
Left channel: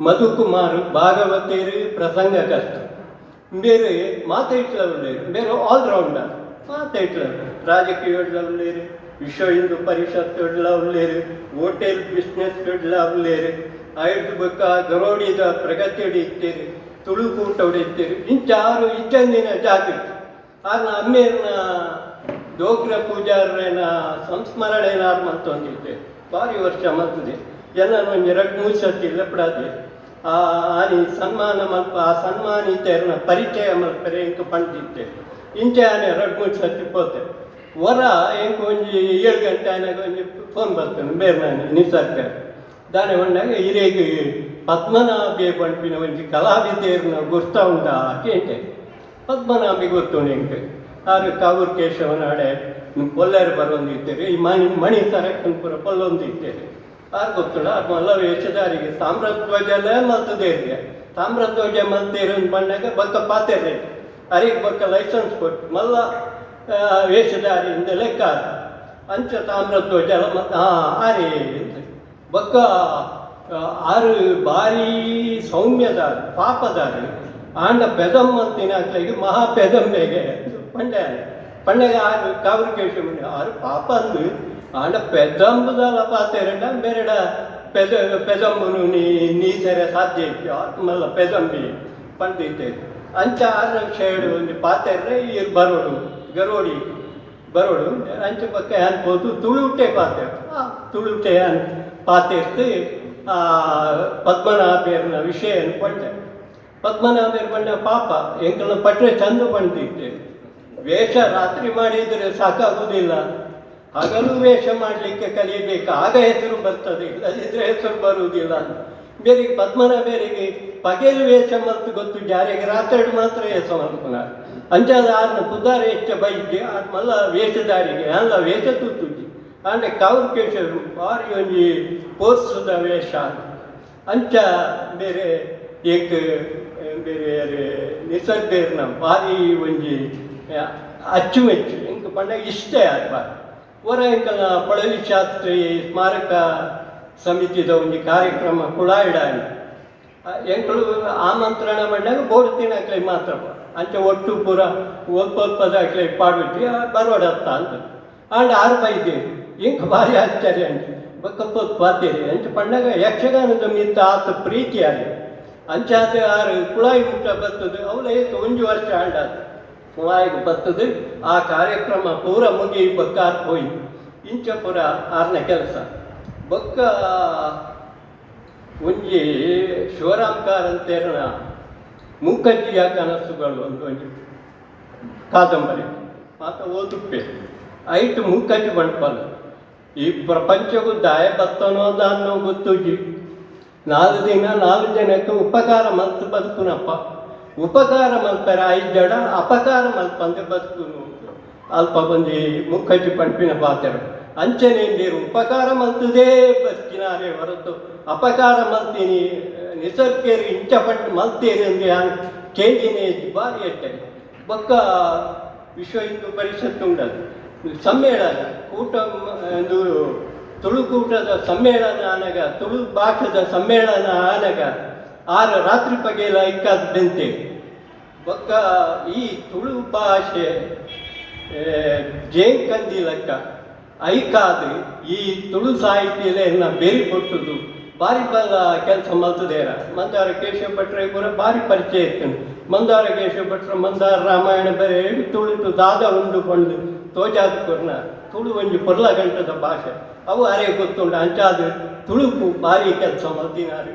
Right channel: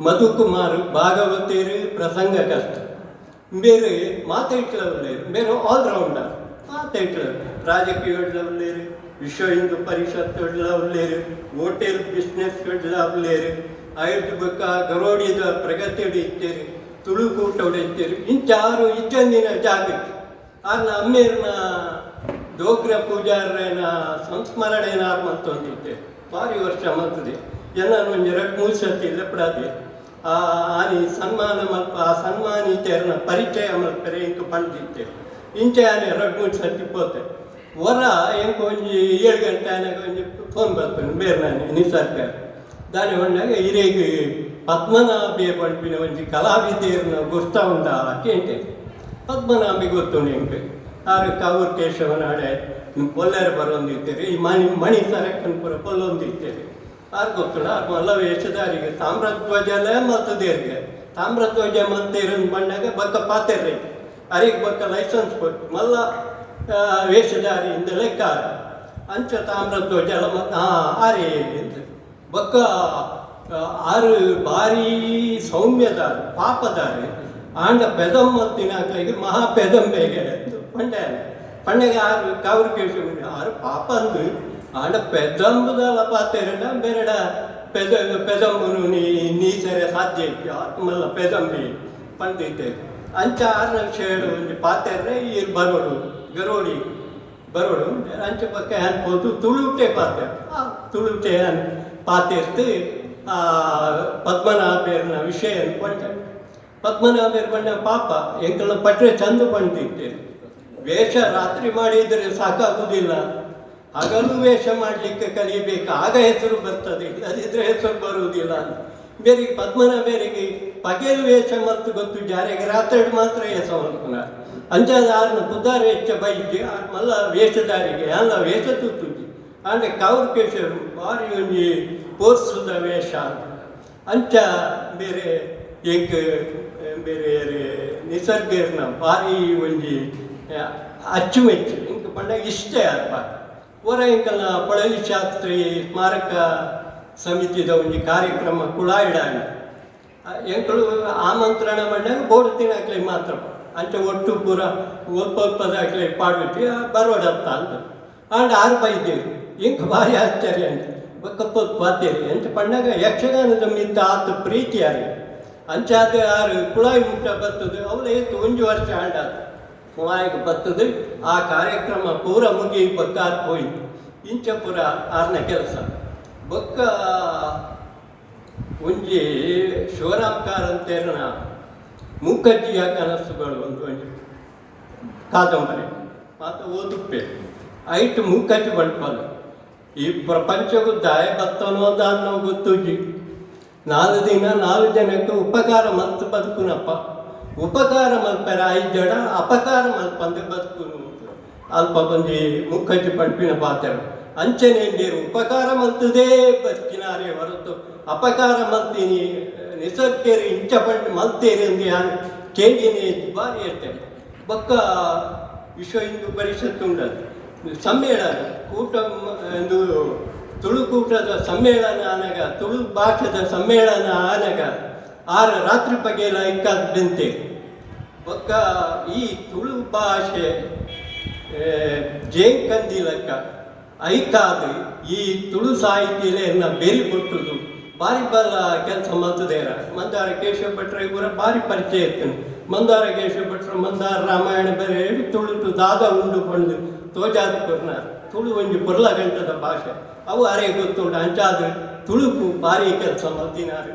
ಮಧುಕುಮಾರ್ ಭಾಗವತೇರು ಪ್ರಸಂಗಕರ್ತ ಬೇರೆ ಮಾತ ಉಳ್ಳೇರು ಬೇರೆ ಆಲ್ರೌಂಡರ್ ಮಾತೈಟ್ಲ ರಾಜಕೀಯ ಉಳ್ಳೇರು ವಿಶ್ವ ಹಿಂದೂ ಪರಿಷತ್ ಉಳ್ಳೇರು ಹೋಟೆಲ್ ಬಿಸ್ನೆಸ್ ಉಳ್ಳೇರು ಬೊಕ್ಕ ಗರೋಡಿದ ಪ್ರಗತಿ ಹೊಡಿತೀರಿ ತುಳುಕೂಟ ಹೊಡೆಯುತ್ತೇರಿ ಇಂಥ ಆರು ಇಜ್ಜಂದಿನ ಜಾಗ ಆರ್ನ ಅಮ್ಮೇರ್ನ ಡೋಗ್ರ ಪೂಜಾರನ ಸಂಸ್ಮರಣೆನ ಮತ್ತೊಂದಿದ್ದೆ ಭಾರಿ ವರ್ಷ ಮತ್ತದೆ ಜನ ಒಂದು ಎರಡು, ಮೂರು ಸತಿ ಇಲ್ಲ ಆ ಆನಿ ಸನ್ಮಾನ ಮಲ್ಪ ಆ ಸನ್ಮಾನಿತರನ್ನ ಪರಿಚಯ ಮಲ್ಪರೆ ಇಂಕ ಪಂಡಿದ್ದೆ ಇಂಚಾನೆ ಆನೆ ಮೂರು ಸತಿ ಪೋತೆ. ಹೊರ ಎಂಕ ಒಂಜಿ ಏಳು ಗಂಟೆ ಆನಾಗ ಒಂಜಿ ಫೋನ್ ಬರ್ತಾನೆ ಬೇರೆ ನಾನು, ನಿಸರ್ಗ. ದಾನೆ ಬಂದಾಗ ಹಿರೇಗೆ ಪದ್ಮನಾಭೆ ಪಂಪಿನ ಒಂಜಿ ಕಲಾವಿದೆಯರ್ನ ಗೊತ್ತಾ ಉಂಟ ಕೇಂಟೆ ಪದ್ಮನಾಭಿ ಗೊತ್ತು ನಿಂಗೆ ಆರು ಕಾವೂರ್ ಕೇಶವನಾಡೆ ಕೊಲ್ಲೆರು ಬರೋಂದಿದ್ದೇವೆ ಈ ಮಣಿ ಮಣಿ ಸರಕ್ಕನ ಪುರ ಕೊಲ್ಲೊಂದಿದ್ದೇವೆ ಆರು ಗೊತ್ತಿಲ್ಲ ಅದು ಮತ್ತು ವೇಷಧಾರಿಗೆ ತಾಮ್ರ ಧ್ವಜ ತಾಮ್ರಧ್ವಜ ಮತ್ತೇರು ಬಂದಾಗ ಬಕ್ಕ ಪಾತೆರೆ. ಅರಿಗೆ ಬಕ್ಕ ಲೈಸೆನ್ಸ್ ಕೊಟ್ಟು ಮಲ್ಲ ವೇಷಧಾರಿಯಿಂದ ಲೆಕ್ಕ ಅಂಚ ತಾಮ್ರಧ್ವಜ ಮತ್ತು ಹಾಂ ಆರೇ ಅಂತ ಬಕ್ಕ ಆರು ಬಾರಿ ಸೌಮ್ಯದಾರ, ಪಾಪದಾರಿ. ಆಂಡ ಪೆದಮ್ಮತ್ತಿನ ಕೈಗೆ ಮಹಾ ಹೇಗೆ ಪಂಡೆ ಪಂಡೆಗೆ ಆರು ಕಾವ್ರು ಆರು ಪಾಪ ಆಂಡ ಪೆದಂಬುದಲ ಪಾತೆರಡ ಬೇರೆಡ ಪೆದ, ಪೆದಂಬುನು ನೀ నీ ಸಾಧ್ಯ ಇತ್ತು ಆತ್ಮಲ್ಲ ಪೆದಂಬಿ ಪಂಡಿತೆ. ಅಂಚ ಆರು ಪಾತೆರ್ರೆ ಈ ಬರೋಡು. ಗರೋಡಿ, ಬರೋಡು. ಅಂಚೆ ಪಕ್ಕ ತುಳುಟೆ ಪಾತೆ. ಆ, ತುಳುಟೆ ಅನ್ ಪಾತೆರ್ತು ಆ ಪದ್ಮನಾಭೇರ್ನ ವಿಷಯ ಅನ್ಕೊಂಡೆ ಪದ್ಮನಾಭೇರ್ ಬಂದ ಪಾಪ. ಎಂಕಲ ಪಟ್ರೆ ಚಂದ ಬಂದಿತ್ತೆ. ವೇಷ ರಾತ್ರಿ ಮಾಡಿದರೆ ಸಾಕಾಗುವುದಿಲ್ಲ ಹಗಲು ವೇಷ ಮಾಡಲಿಕ್ಕೆ ಕಲಿಯಬೇಕು? ಆಗ ಹೆಸರು ಬರ್ತದೆ. ಇಲ್ಲದಿದ್ದರೆ ಹೆಸರು ಬರುವುದಿಲ್ಲ ಬೇರೆ ಪದ್ಮನಾಭರಿಗೆ ಪಗೇಲ್ ವೇಷ ಮತ್ತು ಗೊತ್ತು, ಜಾರಿಗೆ ರಾತ್ರಿ ಮಾತ್ರ ಹೆಸರು ಅಂಜಾದ ಆರ್ನ ಬುದ್ಧಾರ ಹೆಚ್ಚ ಬೈದ್ಯ ಮಲ್ಲ ವೇಷಧಾರಿಗೆ, ಅಲ್ಲ ವೇಷ ತುತ್ತು ಆಂಡೆ ಕಾವ್ರ ಕೇಶ ಬಾರಿ ಒಂಜಿ ಪೋರ್ಸುದ ವೇಷ. ಅಂಚ ಬೇರೆ ಏಕ, ಬೇರೆ ನಿಸರ್ಗ ಬಾರಿ ಒಂಜಿ, ಅಚ್ಚುಮೆಚ್ಚು. ಇಂಕ ಪಂಡ ಇಷ್ಟೇ ಅಪ್ಪ ಹೊರ ಪಡವಿ ಶಾಸ್ತ್ರೀಯ ಶಾಸ್ತ್ರಿ ಸ್ಮಾರಕ ಸಮಿತಿದ ಒಂದು ಕಾರ್ಯಕ್ರಮ ಕುಳಾಯಿಡಾನಿ ಎಂಕಲು ಆಮಂತ್ರಣ ಮಾಡಿದಾಗ ಬೋಡು ತಿನ್ನಕ್ಲೆ ಮಾತ್ರ. ಅಂಚೆ ಒಟ್ಟು ಪೂರ ಒಲ್ಪ ಒಲ್ಪದಾಗ್ಲೆ ಪಾಡ್ಬಿಟ್ಟು ಬರೋಡತ್ತ ಅಂತ ಅಂಡ್ ಆರು ಬೈದೇವಿ ಇಂಕ ಭಾರಿ ಆಶ್ಚರ್ಯ ಅಂತ. ಬಕ್ಕಪ್ಪ ಬಾಧ್ಯರಿ ಅಂತ ಪಂಡಾಗ ಯಕ್ಷಗಾನದ ಮಿಂತ ಆತ ಪ್ರೀತಿ ಯಾರು ಅಂಚಾದ ಆರು ಕುಳಾಯಿ ಮುಟ್ಟ ಬರ್ತದೆ ಅವನ ಏತು ಒಂದು ವರ್ಷ ಆಂಡಾದ ಕುಳಾಯಿಗೆ ಬರ್ತದೆ ಆ ಕಾರ್ಯಕ್ರಮ ಪೂರ ಮುಗಿ ಬಕ್ಕಾರ್ ಹೋಯ್ತು. ಇಂಚ ಪೂರ ಆರನೇ ಕೆಲಸ. ಬೊಕ್ಕ ಒಂಜಿ ಶಿವರಾಮ್ಕಾರ್ ಅಂತೇರಣ ಮೂಕಜ್ಜಿಯ ಕನಸುಗಳು ಒಂದು ಒಂಜಿ ಕಾದಂಬರಿ. ಆತ ಓದುಪ್ಪೆ. ಐಟು ಮೂಕಜ್ಜಿ ಬಂಡ್ಪಲ್ಲ ಈ ಪ್ರಪಂಚಕ್ಕೂ ದಾಯ ಬತ್ತನೋದ ಅನ್ನೋ ಗೊತ್ತೂಜಿ. ನಾಲ್ಕು ದಿನ ನಾಲ್ಕು ಜನಕ್ಕೆ ಉಪಕಾರ ಮತ್ತು ಬದುಕುನಪ್ಪ. ಉಪಕಾರ ಮಲ್ಪರೆ ಐದು ಜನ ಅಪಕಾರ ಮಲ್ಪಂದೆ ಬದುಕು ಅಲ್ಪ ಬಂದು ಮುಖಜ್ಜಿ ಪಂಪಿನ ಪಾತ್ರ. ಅಂಚನೆಯಿಂದೇರು ಉಪಕಾರ ಮಲ್ತದೇ ಬದುಕಿನಾರೆ ಹೊರತು. ಅಪಕಾರ ಮಲ್ತೀನಿ ನಿಸರ್ಗೇರಿ ಇಂಚ ಪಟ್ಟು ಮಲ್ತೀರಿ ಅಂದ್ರೆ ಕೇಂದಿನೇ ಬಾರಿ ಹೇಳ್ತಾರೆ ಬೊಕ್ಕ ವಿಶ್ವ ಹಿಂದೂ ಪರಿಷತ್ತು ಉಂಟದು. ಸಮ್ಮೇಳನ, ಕೂಟ ಒಂದು ತುಳುಕೂಟದ ಸಮ್ಮೇಳನ ಆನಗ, ತುಳು ಭಾಷದ ಸಮ್ಮೇಳನ ಆನಗ, ಆರು ರಾತ್ರಿ ಪಗೇಲ ಇಕ್ಕಾದಂತೆ ಬೊಕ್ಕ ಈ ತುಳು ಭಾಷೆ ಜೇಂಕಂದಿಲಕ್ಕ ಐಕಾದು ಈ ತುಳು ಸಾಹಿತ್ಯಲೆ ಬೇರಿ ಕೊಟ್ಟುದು ಬಾರಿ ಬಲ್ಲ ಕೆಲಸ ಮಲ್ತದೇರ ಮಂದಾರ ಕೇಶವ ಭಟ್ರ ಇವರ ಬಾರಿ ಪರಿಚಯ ಇತ್ತು. ಮಂದಾರ ಕೇಶವ ಭಟ್ರ, ಮಂದಾರ ರಾಮಾಯಣ ಬೇರೆ ಹೇಳಿ ತುಳು ದಾದ ಉಂಡು ಕೊಂಡು ತೋಜಾದ ಕೊರ್ನ ತುಳು ಒಂಜಿ ಪೊರ್ಲ ಗಂಟದ ಭಾಷೆ. ಅವು ಅರೆ ಗೊತ್ತುಂಡು ಅಂಚಾದ ತುಳುಕು ಬಾರಿ ಕೆಲಸ ಮಲ್ತಿನಾರು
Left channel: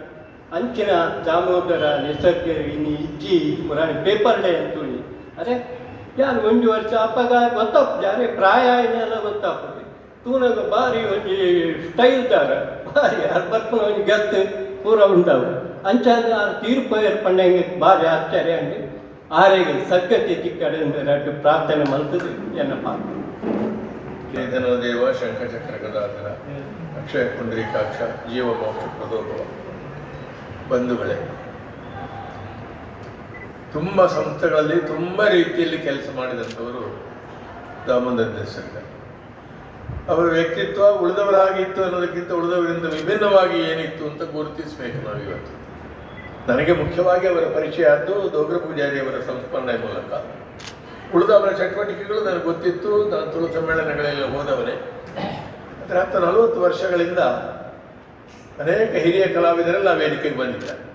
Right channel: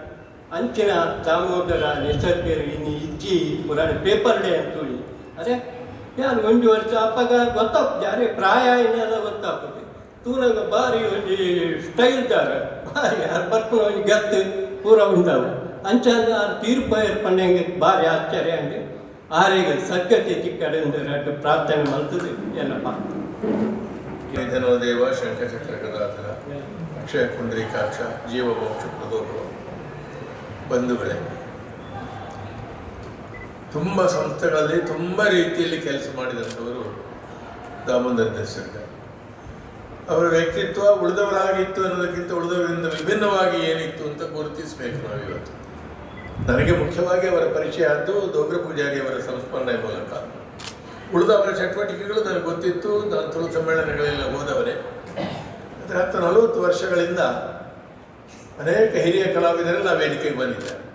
ಅಂಚಿನ ದಾಮೋದರ ನಿಸರ್ಗರು ಇನ್ನು ಇಜ್ಜಿ ಪುರಾಣ ಪೇಪರ್ ಡೇ ಅಂತ ಅದೇ ಯಾರು ಒಂದು ವರ್ಷ ಅಪ್ಪಗ ಗೊತ್ತಾಗ್ತದೆ ಯಾರೇ ಪ್ರಾಯ ಏನೆಲ್ಲ ಗೊತ್ತಾಗ್ತದೆ ತೂನಗ ಒಂದು ಸ್ಟೈಲ್ ಜಾಗ. ಭಾರಿ ಯಾರು ಬರ್ಕೊಂಡು ಒಂದು ಗತ್ತು ಪೂರ ಉಂಟಾಗ ಅಂಚಾದ ತೀರ್ಪು ಏರ್ಪಂಡಂಗೆ ಭಾರಿ ಆಶ್ಚರ್ಯ ಅಂಗೆ ಆರೇಗ ಸಕ್ಕತಿ ಚಿಕ್ಕಡೆ ಅಂದ್ರೆ ಪ್ರಾರ್ಥನೆ ಮಾಡ್ತದೆ ಏನಪ್ಪ? ನಿಧನೋ ದೇವ ಗದಾಧರ ಅಕ್ಷಯ ಪುಂಡರೀಕಾಕ್ಷ ಜೀವ ಮೋಕ್ಷ ಪ್ರದೋಲುವ ಬಂಧುಗಳೇ. ತುಂಬ ಸಂಸ್ಥೆಗಳಲ್ಲಿ ತುಂಬ ರೀತಿಯಲ್ಲಿ ಕೆಲಸ ಮಾಡಿದಂಥವರು ದಾಮೋದರ ದೇಶಕ್ಕೆ ಅವರ ವ್ಯಕ್ತಿತ್ವ ಉಳಿದವರ ಹಾಗಿತ್ತು ಅನ್ನೋದಕ್ಕಿಂತ ಉಳಿದವರಿಂದ ವಿಭಿನ್ನವಾಗಿ ಏನಿತ್ತು ಅಂತ ಗುರುತಿಸಬೇಕು ನಾವಿವತ್ತು ನನಗೆ ಮುಖ್ಯವಾಗಿ ಅವರ ಪರಿಚಯ ಆದ್ದು ದೋಗ್ರ ಪೂಜಾರಿಯವರ ಸಂಸ್ಮರಣೆ ಮೂಲಕ. ಉಳಿದ ಅವರ ಚಟುವಟಿಕೆಗಳು ನನಗೆ ಗೊತ್ತಿತ್ತು. ನಾನು ತುಳು ಸಮ್ಮೇಳನಗಳೆಲ್ಲ ಹೋದವರೇ ಆದರೆ ಹತ್ತು ನಲವತ್ತು ವರ್ಷಗಳಿಂದ ಅನೇಕ ಹಿರಿಯ ಕಲಾವಿದರೆಲ್ಲ ವೇದಿಕೆಗೆ ಬಂದಿದ್ದಾರೆ.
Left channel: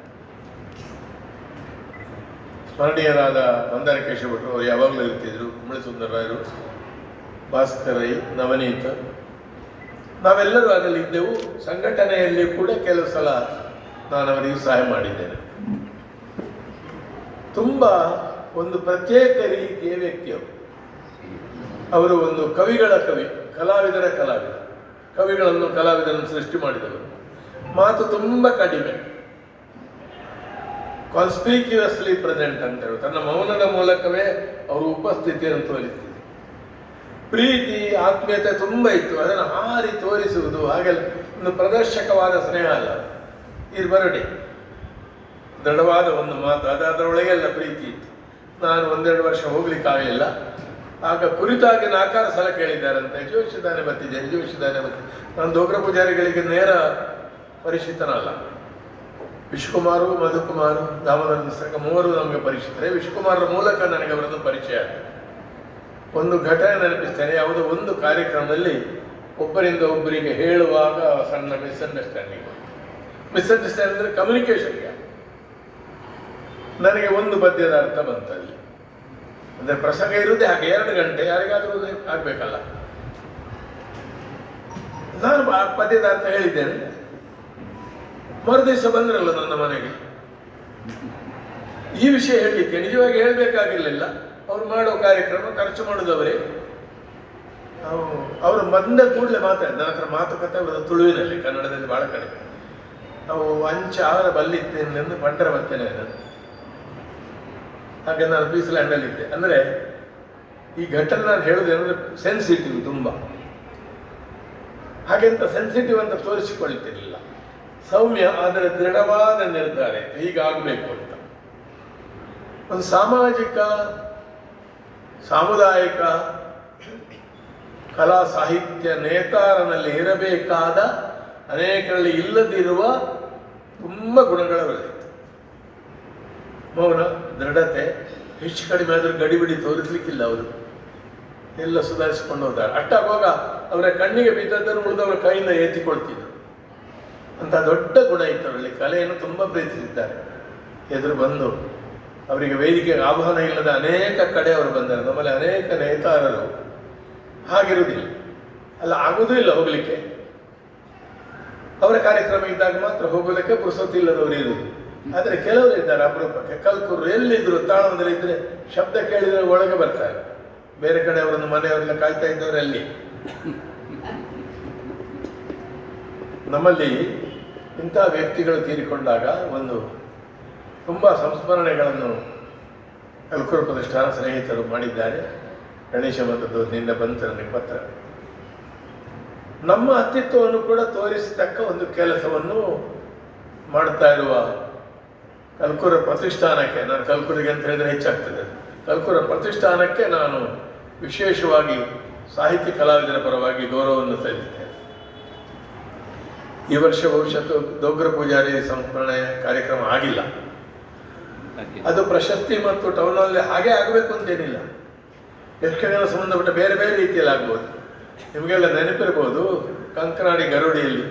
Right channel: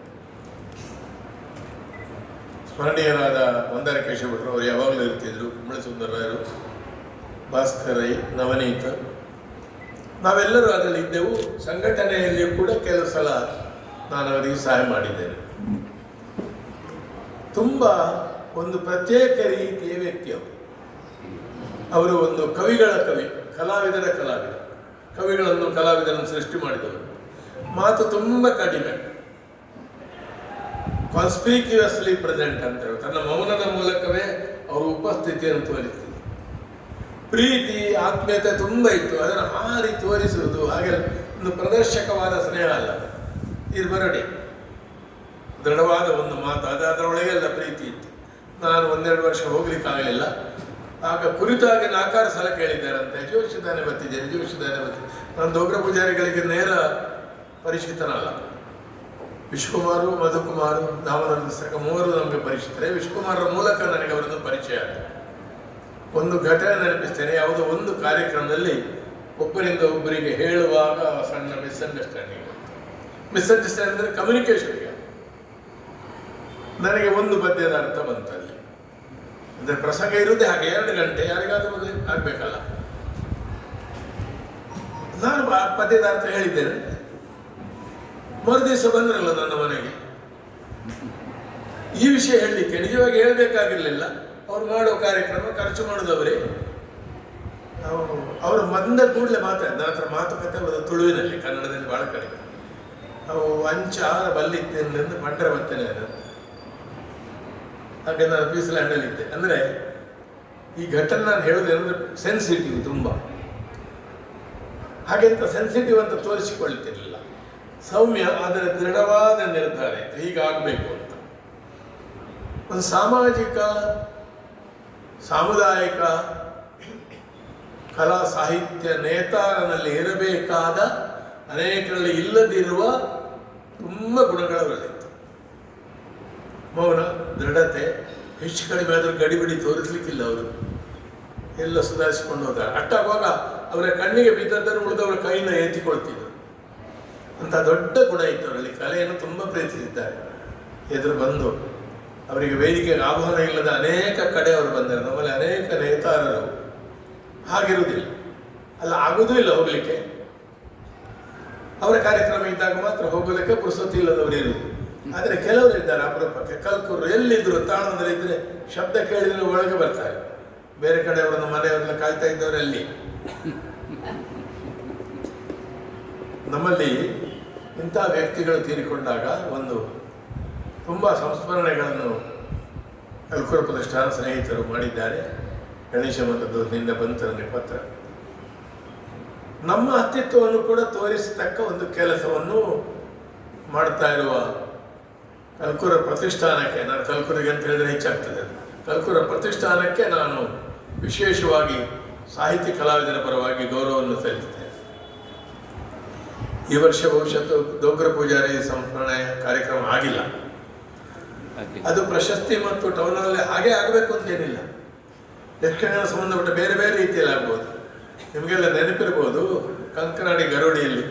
ಸ್ಮರಣೀಯರಾದ ಮಂದಾರ ಕೇಶವ ಭಟ್ರು ಅವರು ಯಾವಾಗಲೂ ಇರ್ತಿದ್ರು ಸುಂದರರಾಯರು ಭಾಸ್ಕರೈ ನವನೀತ. ನಾವೆಲ್ಲರೂ ಅದರಲ್ಲಿ ಇದ್ದೆವು. ಸಂಘಟನೆಯಲ್ಲಿ ಕೂಡ ಕೆಲವು ಸಲ ನಾನು ಅವರಿಗೆ ಸಹಾಯ ಮಾಡಿದ್ದೇನೆ. ತುಂಬ ಒಂದು ಪ್ರತ್ಯೇಕ ರೀತಿಯ ವ್ಯಕ್ತಿ ಅವರು ಅವರು ಒಂದು ಕವಿಗಳ ಕವಿ, ಕಲಾವಿದರ ಕಲಾವಿದ. ಕವಿಗಳನ್ನು ಕಲಾವಿದರನ್ನು ಸೃಷ್ಟಿ ಮಾಡಿದರು. ಮಾತು ತುಂಬ ಕಡಿಮೆ. ಕಾನ್ಸ್ಪೀಕ್ಯೂಸ್ಲಿ ಪ್ರೆಸೆಂಟ್ ಅಂತ ಹೇಳಿ ತನ್ನ ಮೌನದ ಮೂಲಕವೇ ಅವರು ಉಪಸ್ಥಿತಿಯನ್ನು ತೋರಿಸಿದ್ರು ಪ್ರೀತಿ, ಆತ್ಮೀಯತೆ ತುಂಬ ಇತ್ತು. ಅದನ್ನು ಹಾರಿ ತೋರಿಸುವುದು ಹಾಗೆ ಒಂದು ಪ್ರದರ್ಶಕವಾದ ಸ್ನೇಹ ಅಲ್ಲ. ಇದು ಬರಡಿ. ದೃಢವಾದ ಒಂದು ಮಾತು. ಅದು ಅದರೊಳಗೆಲ್ಲ ಪ್ರೀತಿ ಇತ್ತು. ನಾನು ಒಂದೆರಡು ವರ್ಷ ಹೋಗ್ಲಿಕ್ಕಾಗಲಿಲ್ಲ ಆಗ ಕುರಿತಾಗಿ ನಾಕಾರ ಸಲ ಕೇಳಿದ್ದಾರಂತೆ ಯಜುವಿಷ್ಯದಾನೆ ಬರ್ತಿದ್ದೆ ಯಜುವಿಷ್ಯದಾನೆ ಬರ್ತಿದ್ದೆ ನಾನು ದೋಗ್ರ ಪೂಜಾರಿಗಳಿಗೆ ನೇರ ಪರಿಚಿತನಲ್ಲ. ವಿಶ್ವಕುಮಾರು, ಮಧುಕುಮಾರು ದಾಮೋದರ ಪುಸ್ತಕ ಮೂವರು ನಮಗೆ ಪರಿಚಿತರೆ. ವಿಶ್ವಕುಮಾರರ ಮೂಲಕ ನನಗೆ ಅವರದ್ದು ಪರಿಚಯ ಆಯಿತು. ಒಂದು ಘಟನೆ ನೆನಪಿಸ್ತೇನೆ. ಯಾವುದೋ ಒಂದು ಕಾರ್ಯಕ್ರಮದಲ್ಲಿ ಒಬ್ಬರಿಂದ ಒಬ್ಬರಿಗೆ ಹೇಳುವಾಗ ಸಣ್ಣ ಮಿಸ್ಅಂಡರ್ಸ್ಟ್ಯಾಂಡಿಂಗ್ ಮಿಸ್ಅಂಡರ್ಸ್ಟ್ಯಾಂಡಿಂಗ್ ಅಂದರೆ ಕಮ್ಯುನಿಕೇಷನ್ಗೆ ನನಗೆ ಒಂದು ಪದ್ಯದ ಅರ್ಥ ಬಂತು ಅಲ್ಲಿ. ಅಂದರೆ ಪ್ರಸಂಗ ಇರುತ್ತೆ ಹಾಗೆ, ಎರಡು ಗಂಟೆ, ಯಾರಿಗಾದರೂ ಆಗಬೇಕಲ್ಲ. ನಾನು ಆ ಪದ್ಯದ ಅರ್ಥ ಹೇಳಿದ್ದೇನೆ. ಮರುದಿವಸ ಬಂದ್ರಲ್ಲ ನನ್ನ ಮನೆಗೆ. ಈ ವಿಷಯ ಹೇಳಲಿಕ್ಕೆ ನಿಜವಾಗಿ ಹೇಳಬೇಕಾಗಿರಲಿಲ್ಲ. ಅವ್ರು ಮಾಡೋ ಕಾರ್ಯಕ್ರಮ ಖರ್ಚು ಮಾಡೋದವರೇ. ಅವ್ರು- ಬಂದ ಕೂಡಲೇ ಮಾತಾಡಿದ್ದ ಹತ್ರ ಮಾತುಕತೆ ಅವರ ತುಳುವಿನಲ್ಲಿ, ಕನ್ನಡದಲ್ಲಿ ಭಾಳ ಕಡಿಮೆ. ಅವು ಅಂಚ ಅವರ ಬಲ್ಲಿತ್ತೆ ಬಂಡರ ಬರ್ತೇನೆ ಅದು. ಹಾಗೆ ನಾನು ಪೀಸ್ ಲ್ಯಾಂಡಲ್ಲಿ ಇದ್ದೆ. ಅಂದರೆ ಈ ಘಟನೆ ನಾನು ಹೇಳೋದೇನೆಂದ್ರೆ ಸೆನ್ಸಿಟಿವ್ ತುಂಬ. ಹಾಗೆಂತ ಸೆನ್ಸಿಟಿವ್ ಅಂತ ತೋರಿಸಿಕೊಳ್ತಿರಲಿಲ್ಲ. ಸೌಮ್ಯ, ಆದರೆ ದೃಢವಾದ ನಿರ್ಧಾರ. ಹೀಗಾಗಬೇಕು ಅಂತ. ಒಂದು ಸಾಮಾಜಿಕ, ಸಾಮುದಾಯಿಕ, ಕಲಾ ಸಾಹಿತ್ಯ ನೇತಾರನಲ್ಲಿ ಇರಬೇಕಾದ ಅನೇಕರಲ್ಲಿ ಇಲ್ಲದಿರುವ ತುಂಬ ಗುಣಗಳವಲ್ಲಿತ್ತು ಮೌನ, ದೃಢತೆ, ಹೆಚ್ಚು ಕಡಿಮೆ ಆದರೂ ಗಡಿಬಿಡಿ ತೋರಿಸ್ಲಿಕ್ಕಿಲ್ಲ ಅವರು. ಎಲ್ಲ ಸುಧಾರಿಸಿಕೊಂಡು ಹೋದಾರೆ. ಅಟ್ಟಾಗುವಾಗ ಅವರ ಕಣ್ಣಿಗೆ ಬಿದ್ದದ್ದನ್ನು ಉಳಿದವರ ಕೈಯಿಂದ ಎತ್ತಿಕೊಳ್ತಿದ್ರು ಅಂತ ದೊಡ್ಡ ಗುಣ ಇತ್ತು ಅವರಲ್ಲಿ. ಕಲೆಯನ್ನು ತುಂಬ ಪ್ರೀತಿಸಿದ್ದಾರೆ. ಎದುರು ಬಂದು ಅವರಿಗೆ ವೇದಿಕೆಗೆ ಆಹ್ವಾನ ಇಲ್ಲದ ಅನೇಕ ಕಡೆ ಅವರು ಬಂದರು. ನಮ್ಮಲ್ಲಿ ಅನೇಕ ನೇತಾರರು. ಹಾಗಿರುವುದಿಲ್ಲ. ಅಲ್ಲ, ಆಗೋದೂ ಇಲ್ಲ ಹೋಗಲಿಕ್ಕೆ. ಅವರ ಕಾರ್ಯಕ್ರಮ ಇದ್ದಾಗ ಮಾತ್ರ ಹೋಗೋದಕ್ಕೆ ಪುರುಸೊತ್ತು ಇಲ್ಲದವರು ಇರುವುದು ಆದರೆ ಕೆಲವರು ಇದ್ದಾರೆ ಅಪರೂಪಕ್ಕೆ. ಕಲ್ಕೂರು ಎಲ್ಲಿದ್ರು ತಾಣದಲ್ಲಿ ಇದ್ದರೆ ಶಬ್ದ ಕೇಳಿದರೆ ಒಳಗೆ ಬರ್ತಾರೆ ಬೇರೆ ಕಡೆ ಅವರನ್ನು ಮನೆಯವರೆಲ್ಲ ಕಾಯ್ತಾ ಇದ್ದವರು ಅಲ್ಲಿ ನಮ್ಮಲ್ಲಿ ಇಂಥ ವ್ಯಕ್ತಿಗಳು ತೀರಿಕೊಂಡಾಗ ಒಂದು ತುಂಬ ಸಂಸ್ಮರಣೆಗಳನ್ನು ಕಲ್ಕೂರು ಪ್ರತಿಷ್ಠಾನ ಸ್ನೇಹಿತರು ಮಾಡಿದ್ದಾರೆ. ಗಣೇಶ ಮಠದ್ದು ನಿನ್ನೆ ಬಂತು ನನಗೆ ಪತ್ರ. ನಮ್ಮ ಅಸ್ತಿತ್ವವನ್ನು ಕೂಡ ತೋರಿಸತಕ್ಕ ಒಂದು ಕೆಲಸವನ್ನು ಮಾಡ್ತಾ ಇರುವ ಕಲ್ಕೂರ ಪ್ರತಿಷ್ಠಾನಕ್ಕೆ ನಾನು ಕಲ್ಕೂರಿಗೆ ಅಂತ ಹೇಳಿದ್ರೆ ಹೆಚ್ಚಾಗ್ತದೆ. ಕಲ್ಕೂರ ಪ್ರತಿಷ್ಠಾನಕ್ಕೆ ನಾನು ವಿಶೇಷವಾಗಿ ಸಾಹಿತ್ಯ ಕಲಾವಿದರ ಪರವಾಗಿ ಗೌರವವನ್ನು ಸಲ್ಲಿಸ್ತೇನೆ. ಈ ವರ್ಷ ಬಹುಶಃ ದೊಗ್ರ ಪೂಜಾರಿ ಸಂಸ್ಮರಣೆ ಕಾರ್ಯಕ್ರಮ ಆಗಿಲ್ಲ. ಅದು ಪ್ರಶಸ್ತಿ ಮತ್ತು ಟೌನಲ್ಲಿ ಹಾಗೆ ಆಗಬೇಕು ಅಂತೇನಿಲ್ಲ. ಯಕ್ಷಗಾನ ಸಂಬಂಧಪಟ್ಟ ಬೇರೆ ಬೇರೆ ರೀತಿಯಲ್ಲಿ ಆಗ್ಬೋದು. ನಿಮಗೆಲ್ಲ ನೆನಪಿರ್ಬೋದು ಕಂಕನಾಡಿ ಗರುಡಿಯಲ್ಲಿ.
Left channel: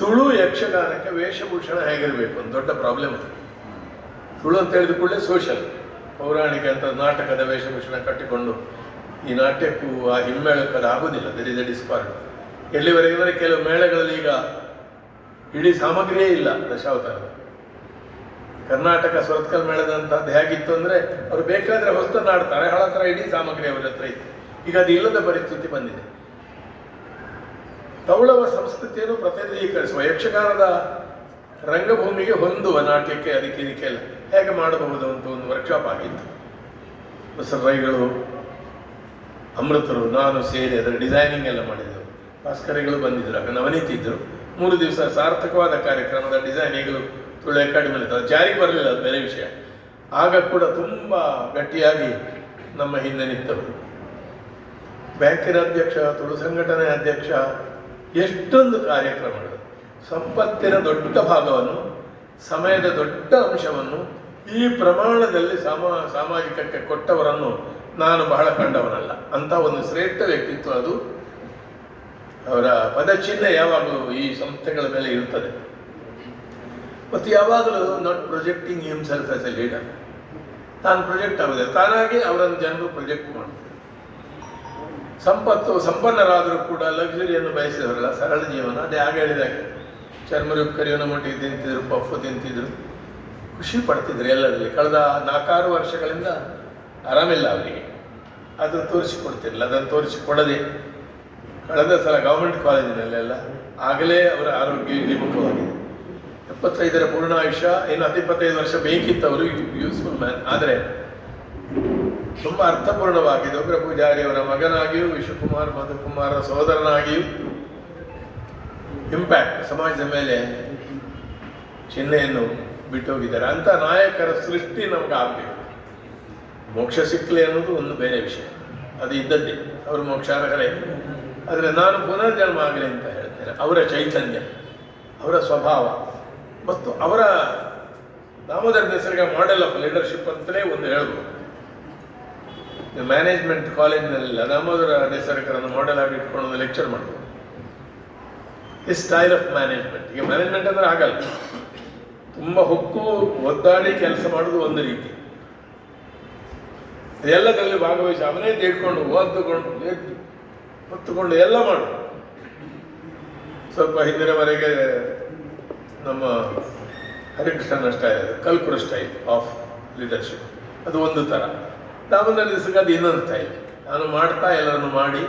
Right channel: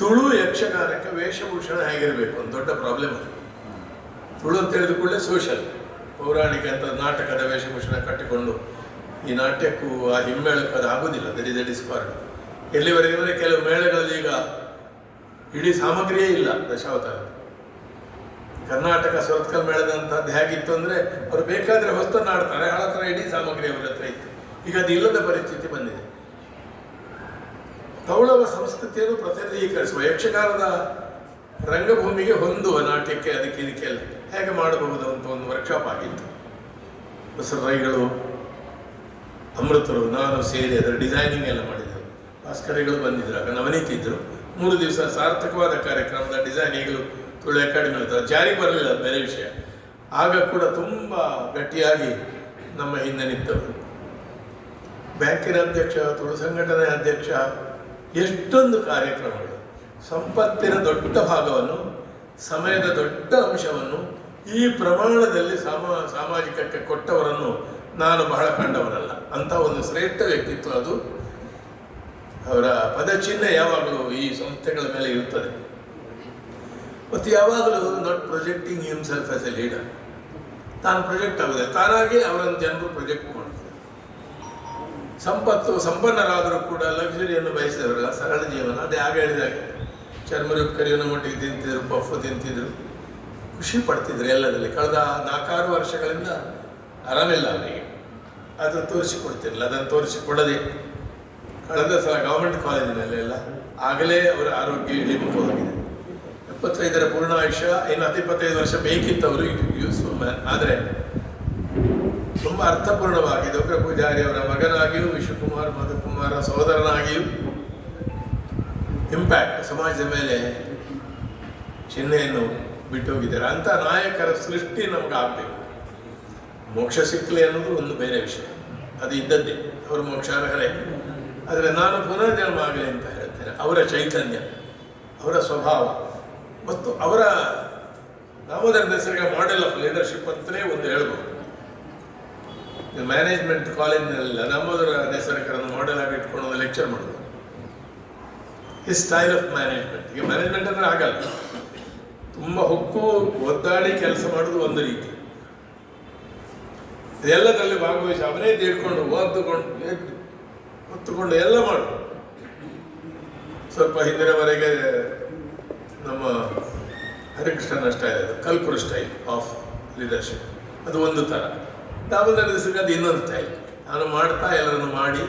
ತುಳು ಯಕ್ಷಗಾನಕ್ಕೆ ವೇಷಭೂಷಣ ಹೇಗಿರಬೇಕು ಒಂದು ದೊಡ್ಡ ಪ್ರಾಬ್ಲಮ್ ಅದು. ತುಳು ಅಂತ ಹೇಳಿದ ಕೂಡಲೇ ಸೋಷಲ್ ಪೌರಾಣಿಕ ಅಂತ ನಾಟಕದ ವೇಷಭೂಷಣ ಕಟ್ಟಿಕೊಂಡು ಈ ನಾಟ್ಯಕ್ಕೂ ಆ ಹಿಮ್ಮೇಳಕ್ಕೂ ಅದು ಆಗುದಿಲ್ಲ ದಟ್ ಇಸ್ ಅ ಡಿಸ್ಪಾರ್ಟ್ ಎಲ್ಲಿವರೆಗೆ ಅಂದರೆ ಕೆಲವು ಮೇಳಗಳಲ್ಲಿ ಈಗ ಇಡೀ ಸಾಮಗ್ರಿಯೇ ಇಲ್ಲ ದಶಾವತಾರ. ಕರ್ನಾಟಕ ಸ್ವರತ್ಕಲ್ ಮೇಳದಂತಹದ್ದು ಹೇಗಿತ್ತು ಅಂದರೆ ಅವರು ಬೇಕಾದರೆ ಹೊಸ್ತನ್ನು ಆಡ್ತಾರೆ. ಹಳ ಥರ ಇಡೀ ಸಾಮಗ್ರಿ ಅವರ ಹತ್ರ ಇತ್ತು. ಈಗ ಅದು ಇಲ್ಲದ ಪರಿಸ್ಥಿತಿ ಬಂದಿದೆ. ಕೌಳವ ಸಂಸ್ಕೃತಿಯನ್ನು ಪ್ರತಿನಿಧೀಕರಿಸುವ ಯಕ್ಷಗಾನದ ರಂಗಭೂಮಿಗೆ ಹೊಂದುವ ನಾಟ್ಯಕ್ಕೆ ಅದಕ್ಕೆ ಇದಕ್ಕೆಲ್ಲ ಹೇಗೆ ಮಾಡಬಹುದು ಅಂತ ಒಂದು ವರ್ಕ್ಶಾಪ್ ಆಗಿತ್ತು. ಹೊಸ ರೈಗಳು ಅಮೃತರು, ನಾನು ಸೇರಿ ಅದರ ಡಿಸೈನಿಂಗ್ ಎಲ್ಲ ಮಾಡಿದ್ದೆವು ಭಾಸ್ಕರಿಗಳು ಬಂದಿದ್ದರು ಆಗ ನವನೀತಿದ್ದರು ಮೂರು ದಿವಸ ಸಾರ್ಥಕವಾದ ಕಾರ್ಯಕ್ರಮದ ಡಿಸೈನಿಂಗ್ಗಳು ತುಳು ಅಕಾಡೆಮಿ ಜಾರಿಗೆ ಬರಲಿಲ್ಲ ಬೇರೆ ವಿಷಯ. ಆಗ ಕೂಡ ತುಂಬ ಗಟ್ಟಿಯಾಗಿ ನಮ್ಮ ಹಿಂದೆ ನಿಂತವರು ಬ್ಯಾಂಕಿನ ಅಧ್ಯಕ್ಷ, ತುಳು ಸಂಘಟನೆ ಅಧ್ಯಕ್ಷ, ಎಷ್ಟೊಂದು ಕಾರ್ಯಕ್ರಮಗಳು. ಸಂಪತ್ತಿನ ದೊಡ್ಡ ಭಾಗವನ್ನು, ಸಮಯದ ದೊಡ್ಡ ಅಂಶವನ್ನು, ಈ ಪ್ರಮಾಣದಲ್ಲಿ ಸಮ, ಸಾಮಾಜಿಕಕ್ಕೆ ಕೊಟ್ಟವರನ್ನು ನಾನು ಬಹಳ ಕಂಡವನಲ್ಲ. ಅಂತ ಒಂದು ಶ್ರೇಷ್ಠ ವ್ಯಕ್ತಿತ್ವ ಅದು. ಅವರ ಪದಚಿಹ್ನೆ ಯಾವಾಗಲೂ ಈ ಸಂಸ್ಥೆಗಳ ಮೇಲೆ ಇರುತ್ತದೆ. ಮತ್ತು ಯಾವಾಗಲೂ not projecting himself as a leader ತಾನು ಪ್ರೊಜೆಕ್ಟ್ ಆಗಿದೆ ತಾನಾಗಿ ಅವರನ್ನು ಜನರು ಪ್ರೊಜೆಕ್ಟ್ ಮಾಡ್ತಾರೆ. ಸಂಪತ್ತು, ಸಂಪನ್ನರಾದರೂ ಕೂಡ ಲಕ್ಸುರಿಯನ್ನು ಬಯಸಿದವರಲ್ಲ, ಸರಳ ಜೀವನ. ಅದೇ ಆಗ ಹೇಳಿದಾಗ ಚರ್ಮರುಕ್ಕರಿಯನ್ನು ಮಟ್ಟಿಗೆ ತಿಂತಿದ್ರು ಪಫು ತಿಂತಿದ್ರು. ಖುಷಿ ಪಡ್ತಿದ್ರು ಎಲ್ಲರಲ್ಲಿ. ಕಳೆದ ನಾಲ್ಕಾರು ವರ್ಷಗಳಿಂದ ಆರಾಮಿಲ್ಲ ಅವರಿಗೆ. ಅದು ತೋರಿಸಿಕೊಡ್ತಿರಲಿಲ್ಲ. ಅದನ್ನು ತೋರಿಸಿಕೊಡದೆ ಕಳೆದ ಸಲ ಗೌರ್ಮೆಂಟ್ ಕಾಲೇಜಿನಲ್ಲೆಲ್ಲ ಆಗಲೇ ಅವರ ಆರೋಗ್ಯ ಇಳಿಮುಖವಾಗಿದೆ. ಎಪ್ಪತ್ತೈದರ ಪೂರ್ಣ ಆಯುಷ್ಯ ಇನ್ನು ಹತ್ತಿಪ್ಪತ್ತೈದು ವರ್ಷ ಬೇಕಿತ್ತು ಅವರು ಯೂಸ್ಫುಲ್ ಮ್ಯಾನ್ ಆದರೆ ತುಂಬ ಅರ್ಥಪೂರ್ಣವಾಗಿ ದೊಡ್ಡ ಪೂಜಾರಿ ಅವರ ಮಗನಾಗಿಯೂ, ವಿಶ್ವಕುಮಾರ್ ಮಧುಕುಮಾರ ಸಹೋದರನಾಗಿಯೂ ಇಂಪ್ಯಾಕ್ಟ್ ಸಮಾಜದ ಮೇಲೆ ಚಿಹ್ನೆಯನ್ನು ಬಿಟ್ಟೋಗಿದ್ದಾರೆ. ಅಂತ ನಾಯಕರ ಸೃಷ್ಟಿ ನಮ್ಗೆ ಆಗಬೇಕು. ಮೋಕ್ಷ ಸಿಕ್ಕಲಿ ಅನ್ನೋದು ಒಂದು ಬೇರೆ ವಿಷಯ. ಅದು ಇದ್ದದ್ದೇ. ಅವರು ಮೋಕ್ಷಾರ್ಹರೇ ಆದರೆ ನಾನು ಪುನರ್ಜನ್ಮ ಆಗಲಿ ಅಂತ ಹೇಳ್ತೇನೆ. ಅವರ ಚೈತನ್ಯ, ಅವರ ಸ್ವಭಾವ ಮತ್ತು ಅವರ ದಾಮೋದರ ಹೆಸರಿಗೆ ಮಾಡೆಲ್ ಆಫ್ ಲೀಡರ್ಶಿಪ್ ಅಂತಲೇ ಒಂದು ಹೇಳ್ಬೋದು. ಮ್ಯಾನೇಜ್ಮೆಂಟ್ ಕಾಲೇಜಿನಲ್ಲೆಲ್ಲ ದಾಮೋದರ ನೇಸರ್ಕರನ್ನು ಮಾಡೆಲ್ ಆಗಿ ಇಟ್ಕೊಂಡು ಲೆಕ್ಚರ್ ಮಾಡಿದ್ರು. ಈ ಸ್ಟೈಲ್ ಆಫ್ ಮ್ಯಾನೇಜ್ಮೆಂಟ್ ಈಗ ಮ್ಯಾನೇಜ್ಮೆಂಟ್ ಅಂದರೆ ಆಗಲ್ಲ ತುಂಬ ಹೊಕ್ಕು, ಒದ್ದಾಡಿ ಕೆಲಸ ಮಾಡೋದು ಒಂದು ರೀತಿ. ಎಲ್ಲದರಲ್ಲಿ ಭಾಗವಹಿಸಿ ಅವನೇ ತೀರ್ಕೊಂಡು ಓದ್ದುಕೊಂಡು ಹೊತ್ತುಕೊಂಡು ಎಲ್ಲ ಮಾಡು. ಸ್ವಲ್ಪ ಹಿಂದಿನವರೆಗೆ ನಮ್ಮ ಹರಿಕೃಷ್ಣನ ಸ್ಟೈಲ್ ಕಲ್ಪುರ ಸ್ಟೈಲ್ ಆಫ್ ಲೀಡರ್ಶಿಪ್ ಅದು ಒಂದು ಥರ ದಾಮೋದರ ದಿವಸಕ್ಕೆ ಅದು ಇನ್ನೊಂದು ಸ್ಟೈಲ್ ನಾನು ಮಾಡ್ತಾ ಎಲ್ಲರನ್ನು ಮಾಡಿ,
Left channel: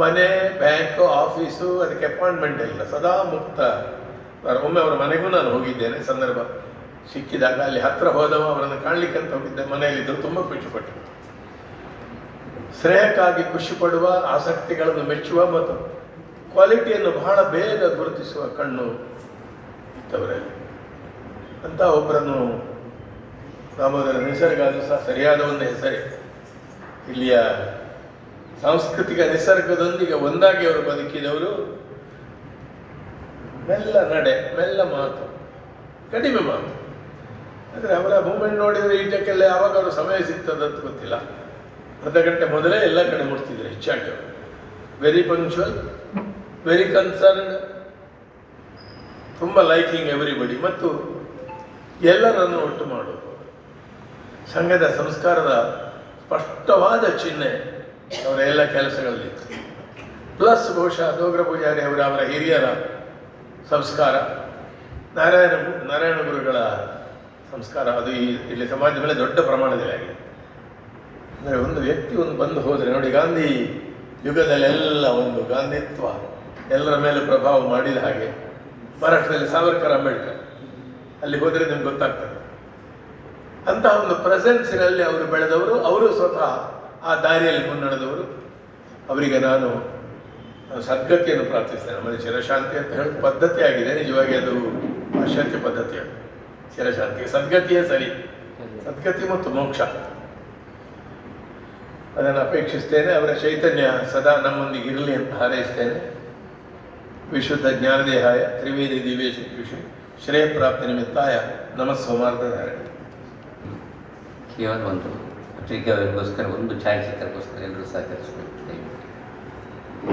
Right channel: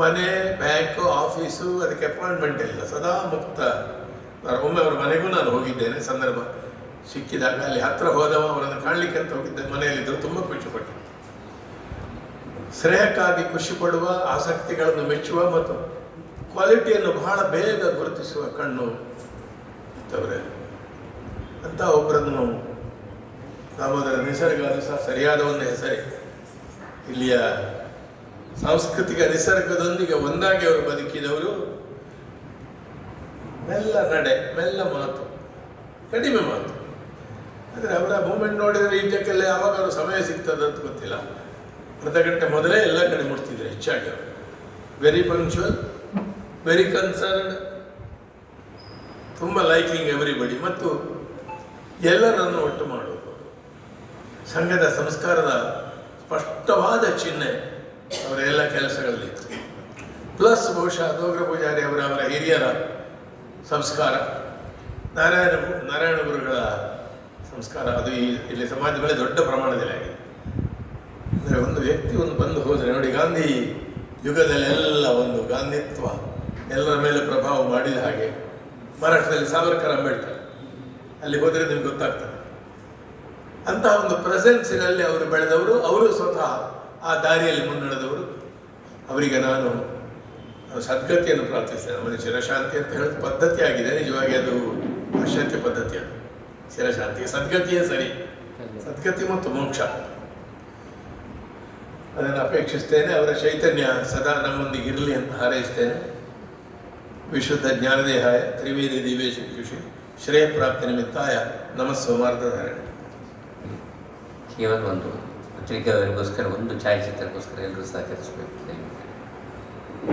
ಮನೆ ಬ್ಯಾಂಕು ಆಫೀಸು ಅದಕ್ಕೆ ಅಪಾಯಿಂಟ್ಮೆಂಟ್ ಇಲ್ಲ ಸದಾ ಮುಕ್ತ. ಒಮ್ಮೆ ಅವರ ಮನೆಗೂ ನಾನು ಹೋಗಿದ್ದೇನೆ, ಸಂದರ್ಭ ಸಿಕ್ಕಿದಾಗ ಅಲ್ಲಿ ಹತ್ರ ಹೋದವ ಅವರನ್ನು ಕಾಣಲಿಕ್ಕೆ ಅಂತ ಹೋಗಿದ್ದೆ, ಮನೆಯಲ್ಲಿದ್ದರು, ತುಂಬ ಖುಷಿಪಟ್ಟರು. ಶ್ರೇಯಕ್ಕಾಗಿ ಖುಷಿ ಪಡುವ, ಆಸಕ್ತಿಗಳನ್ನು ಮೆಚ್ಚುವ ಮತ್ತು ಕ್ವಾಲಿಟಿಯನ್ನು ಬಹಳ ಬೇಗ ಗುರುತಿಸುವ ಕಣ್ಣು ಇತ್ತವರಲ್ಲಿ ಅಂತ ಒಬ್ಬರನ್ನು ದಾಮೋದರ ನಿಸರ್ಗ ಅದು ಸಹ ಸರಿಯಾದ ಒಂದು ಹೆಸರೇ. ಇಲ್ಲಿಯ ಸಾಂಸ್ಕೃತಿಕ ನಿಸರ್ಗದೊಂದಿಗೆ ಒಂದಾಗಿ ಅವರು ಬದುಕಿದವರು. ಮೆಲ್ಲ ನಡೆ ಮೆಲ್ಲ ಮಾತು ಕಡಿಮೆ ಮಾತು ಅಂದರೆ ಅವರ ಮೂಮೆಂಟ್ ನೋಡಿದರೆ ಈಜಕ್ಕೆಲ್ಲ ಯಾವಾಗ ಸಮಯ ಸಿಗ್ತದಂತ ಗೊತ್ತಿಲ್ಲ. ಅರ್ಧ ಗಂಟೆ ಮೊದಲೇ ಎಲ್ಲ ಕಡೆ ನೋಡ್ತಿದ್ರು ಹೆಚ್ಚಾಗಿ. ವೆರಿ ಪಂಕ್ಚುವಲ್ ವೆರಿ ಕನ್ಸರ್ನ್ ತುಂಬ ಲೈಕಿಂಗ್ ಎವ್ರಿಬಡಿ ಮತ್ತು ಎಲ್ಲರನ್ನು ಒಟ್ಟು ಮಾಡೋದು. ಸಂಘದ ಸಂಸ್ಕಾರದ ಸ್ಪಷ್ಟವಾದ ಚಿಹ್ನೆ ಅವರ ಎಲ್ಲ ಕೆಲಸಗಳಲ್ಲಿತ್ತು ಪ್ಲಸ್ ಬಹುಶಃ ದೋಗ್ರ ಪೂಜಾರಿ ಅವರ ಅವರ ಹಿರಿಯರ ಸಂಸ್ಕಾರ. ನಾರಾಯಣ ನಾರಾಯಣ ಗುರುಗಳ ಸಂಸ್ಕಾರ. ಅದು ಇಲ್ಲಿ ಸಮಾಜದಲ್ಲಿ ದೊಡ್ಡ ಪ್ರಮಾಣದಲ್ಲಿ ಆಗಿದೆ. ಅಂದರೆ ಒಂದು ವ್ಯಕ್ತಿ ಒಂದು ಬಂದು ಹೋದರೆ ನೋಡಿ ಗಾಂಧಿ ಯುಗದಲ್ಲೆಲ್ಲ ಒಂದು ಗಾಂಧಿತ್ವ ಎಲ್ಲರ ಮೇಲೆ ಪ್ರಭಾವ ಮಾಡಿದ ಹಾಗೆ ಮರಾಠದಲ್ಲಿ ಸಾವರ್ಕರ್ ಅಂಬೇಡ್ಕರ್. ಅಲ್ಲಿ ಹೋದರೆ ನಿಮ್ಗೆ ಗೊತ್ತಾಗ್ತದೆ. ಅಂತಹ ಒಂದು ಪ್ರೆಸೆನ್ಸಿನಲ್ಲಿ ಅವರು ಬೆಳೆದವರು, ಅವರು ಸ್ವತಃ ಆ ದಾರಿಯಲ್ಲಿ ಮುನ್ನಡೆದವರು. ಅವರಿಗೆ ನಾನು ನಾನು ಸದ್ಗತಿಯನ್ನು ಪ್ರಾರ್ಥಿಸ್ತೇನೆ. ಮನೆ ಚಿರಶಾಂತಿ ಅಂತ ಹೇಳೋದು ಪದ್ಧತಿ ಆಗಿದೆ ನಿಜವಾಗಿ ಅದು ಪಾಶ್ಚಾತ್ಯ ಪದ್ಧತಿ ಅದು ಚಿರಶಾಂತಿ ಸದ್ಗತಿಯೇ ಸರಿ. ಸದ್ಗತಿ ಮತ್ತು ಮೋಕ್ಷ. ಅದನ್ನು ಅಪೇಕ್ಷಿಸ್ತೇನೆ. ಅವರ ಚೈತನ್ಯ ಸದಾ ನಮ್ಮೊಂದಿಗೆ ಇರಲಿ ಅಂತ ಹಾರೈಸ್ತೇನೆ. ವಿಶುದ್ಧ ಜ್ಞಾನದೇಹಾಯ ತ್ರಿವೇದಿ ದಿವೇಶ ಶ್ರೇಯ ಪ್ರಾಪ್ತಿ ನಿಮಿತ್ತಾಯ ನಮಃ ಸೋಮಾರ್ಧನಾರಾಯಣ ಕೇವಲ ಒಂದು ಪತ್ರಿಕೆಯವರಿಗೋಸ್ಕರ ಒಂದು ಛಾಯಾಚಿತ್ರಕ್ಕೋಸ್ಕರ ಎಲ್ಲರೂ ಸಹಕರಿಸಬೇಕು.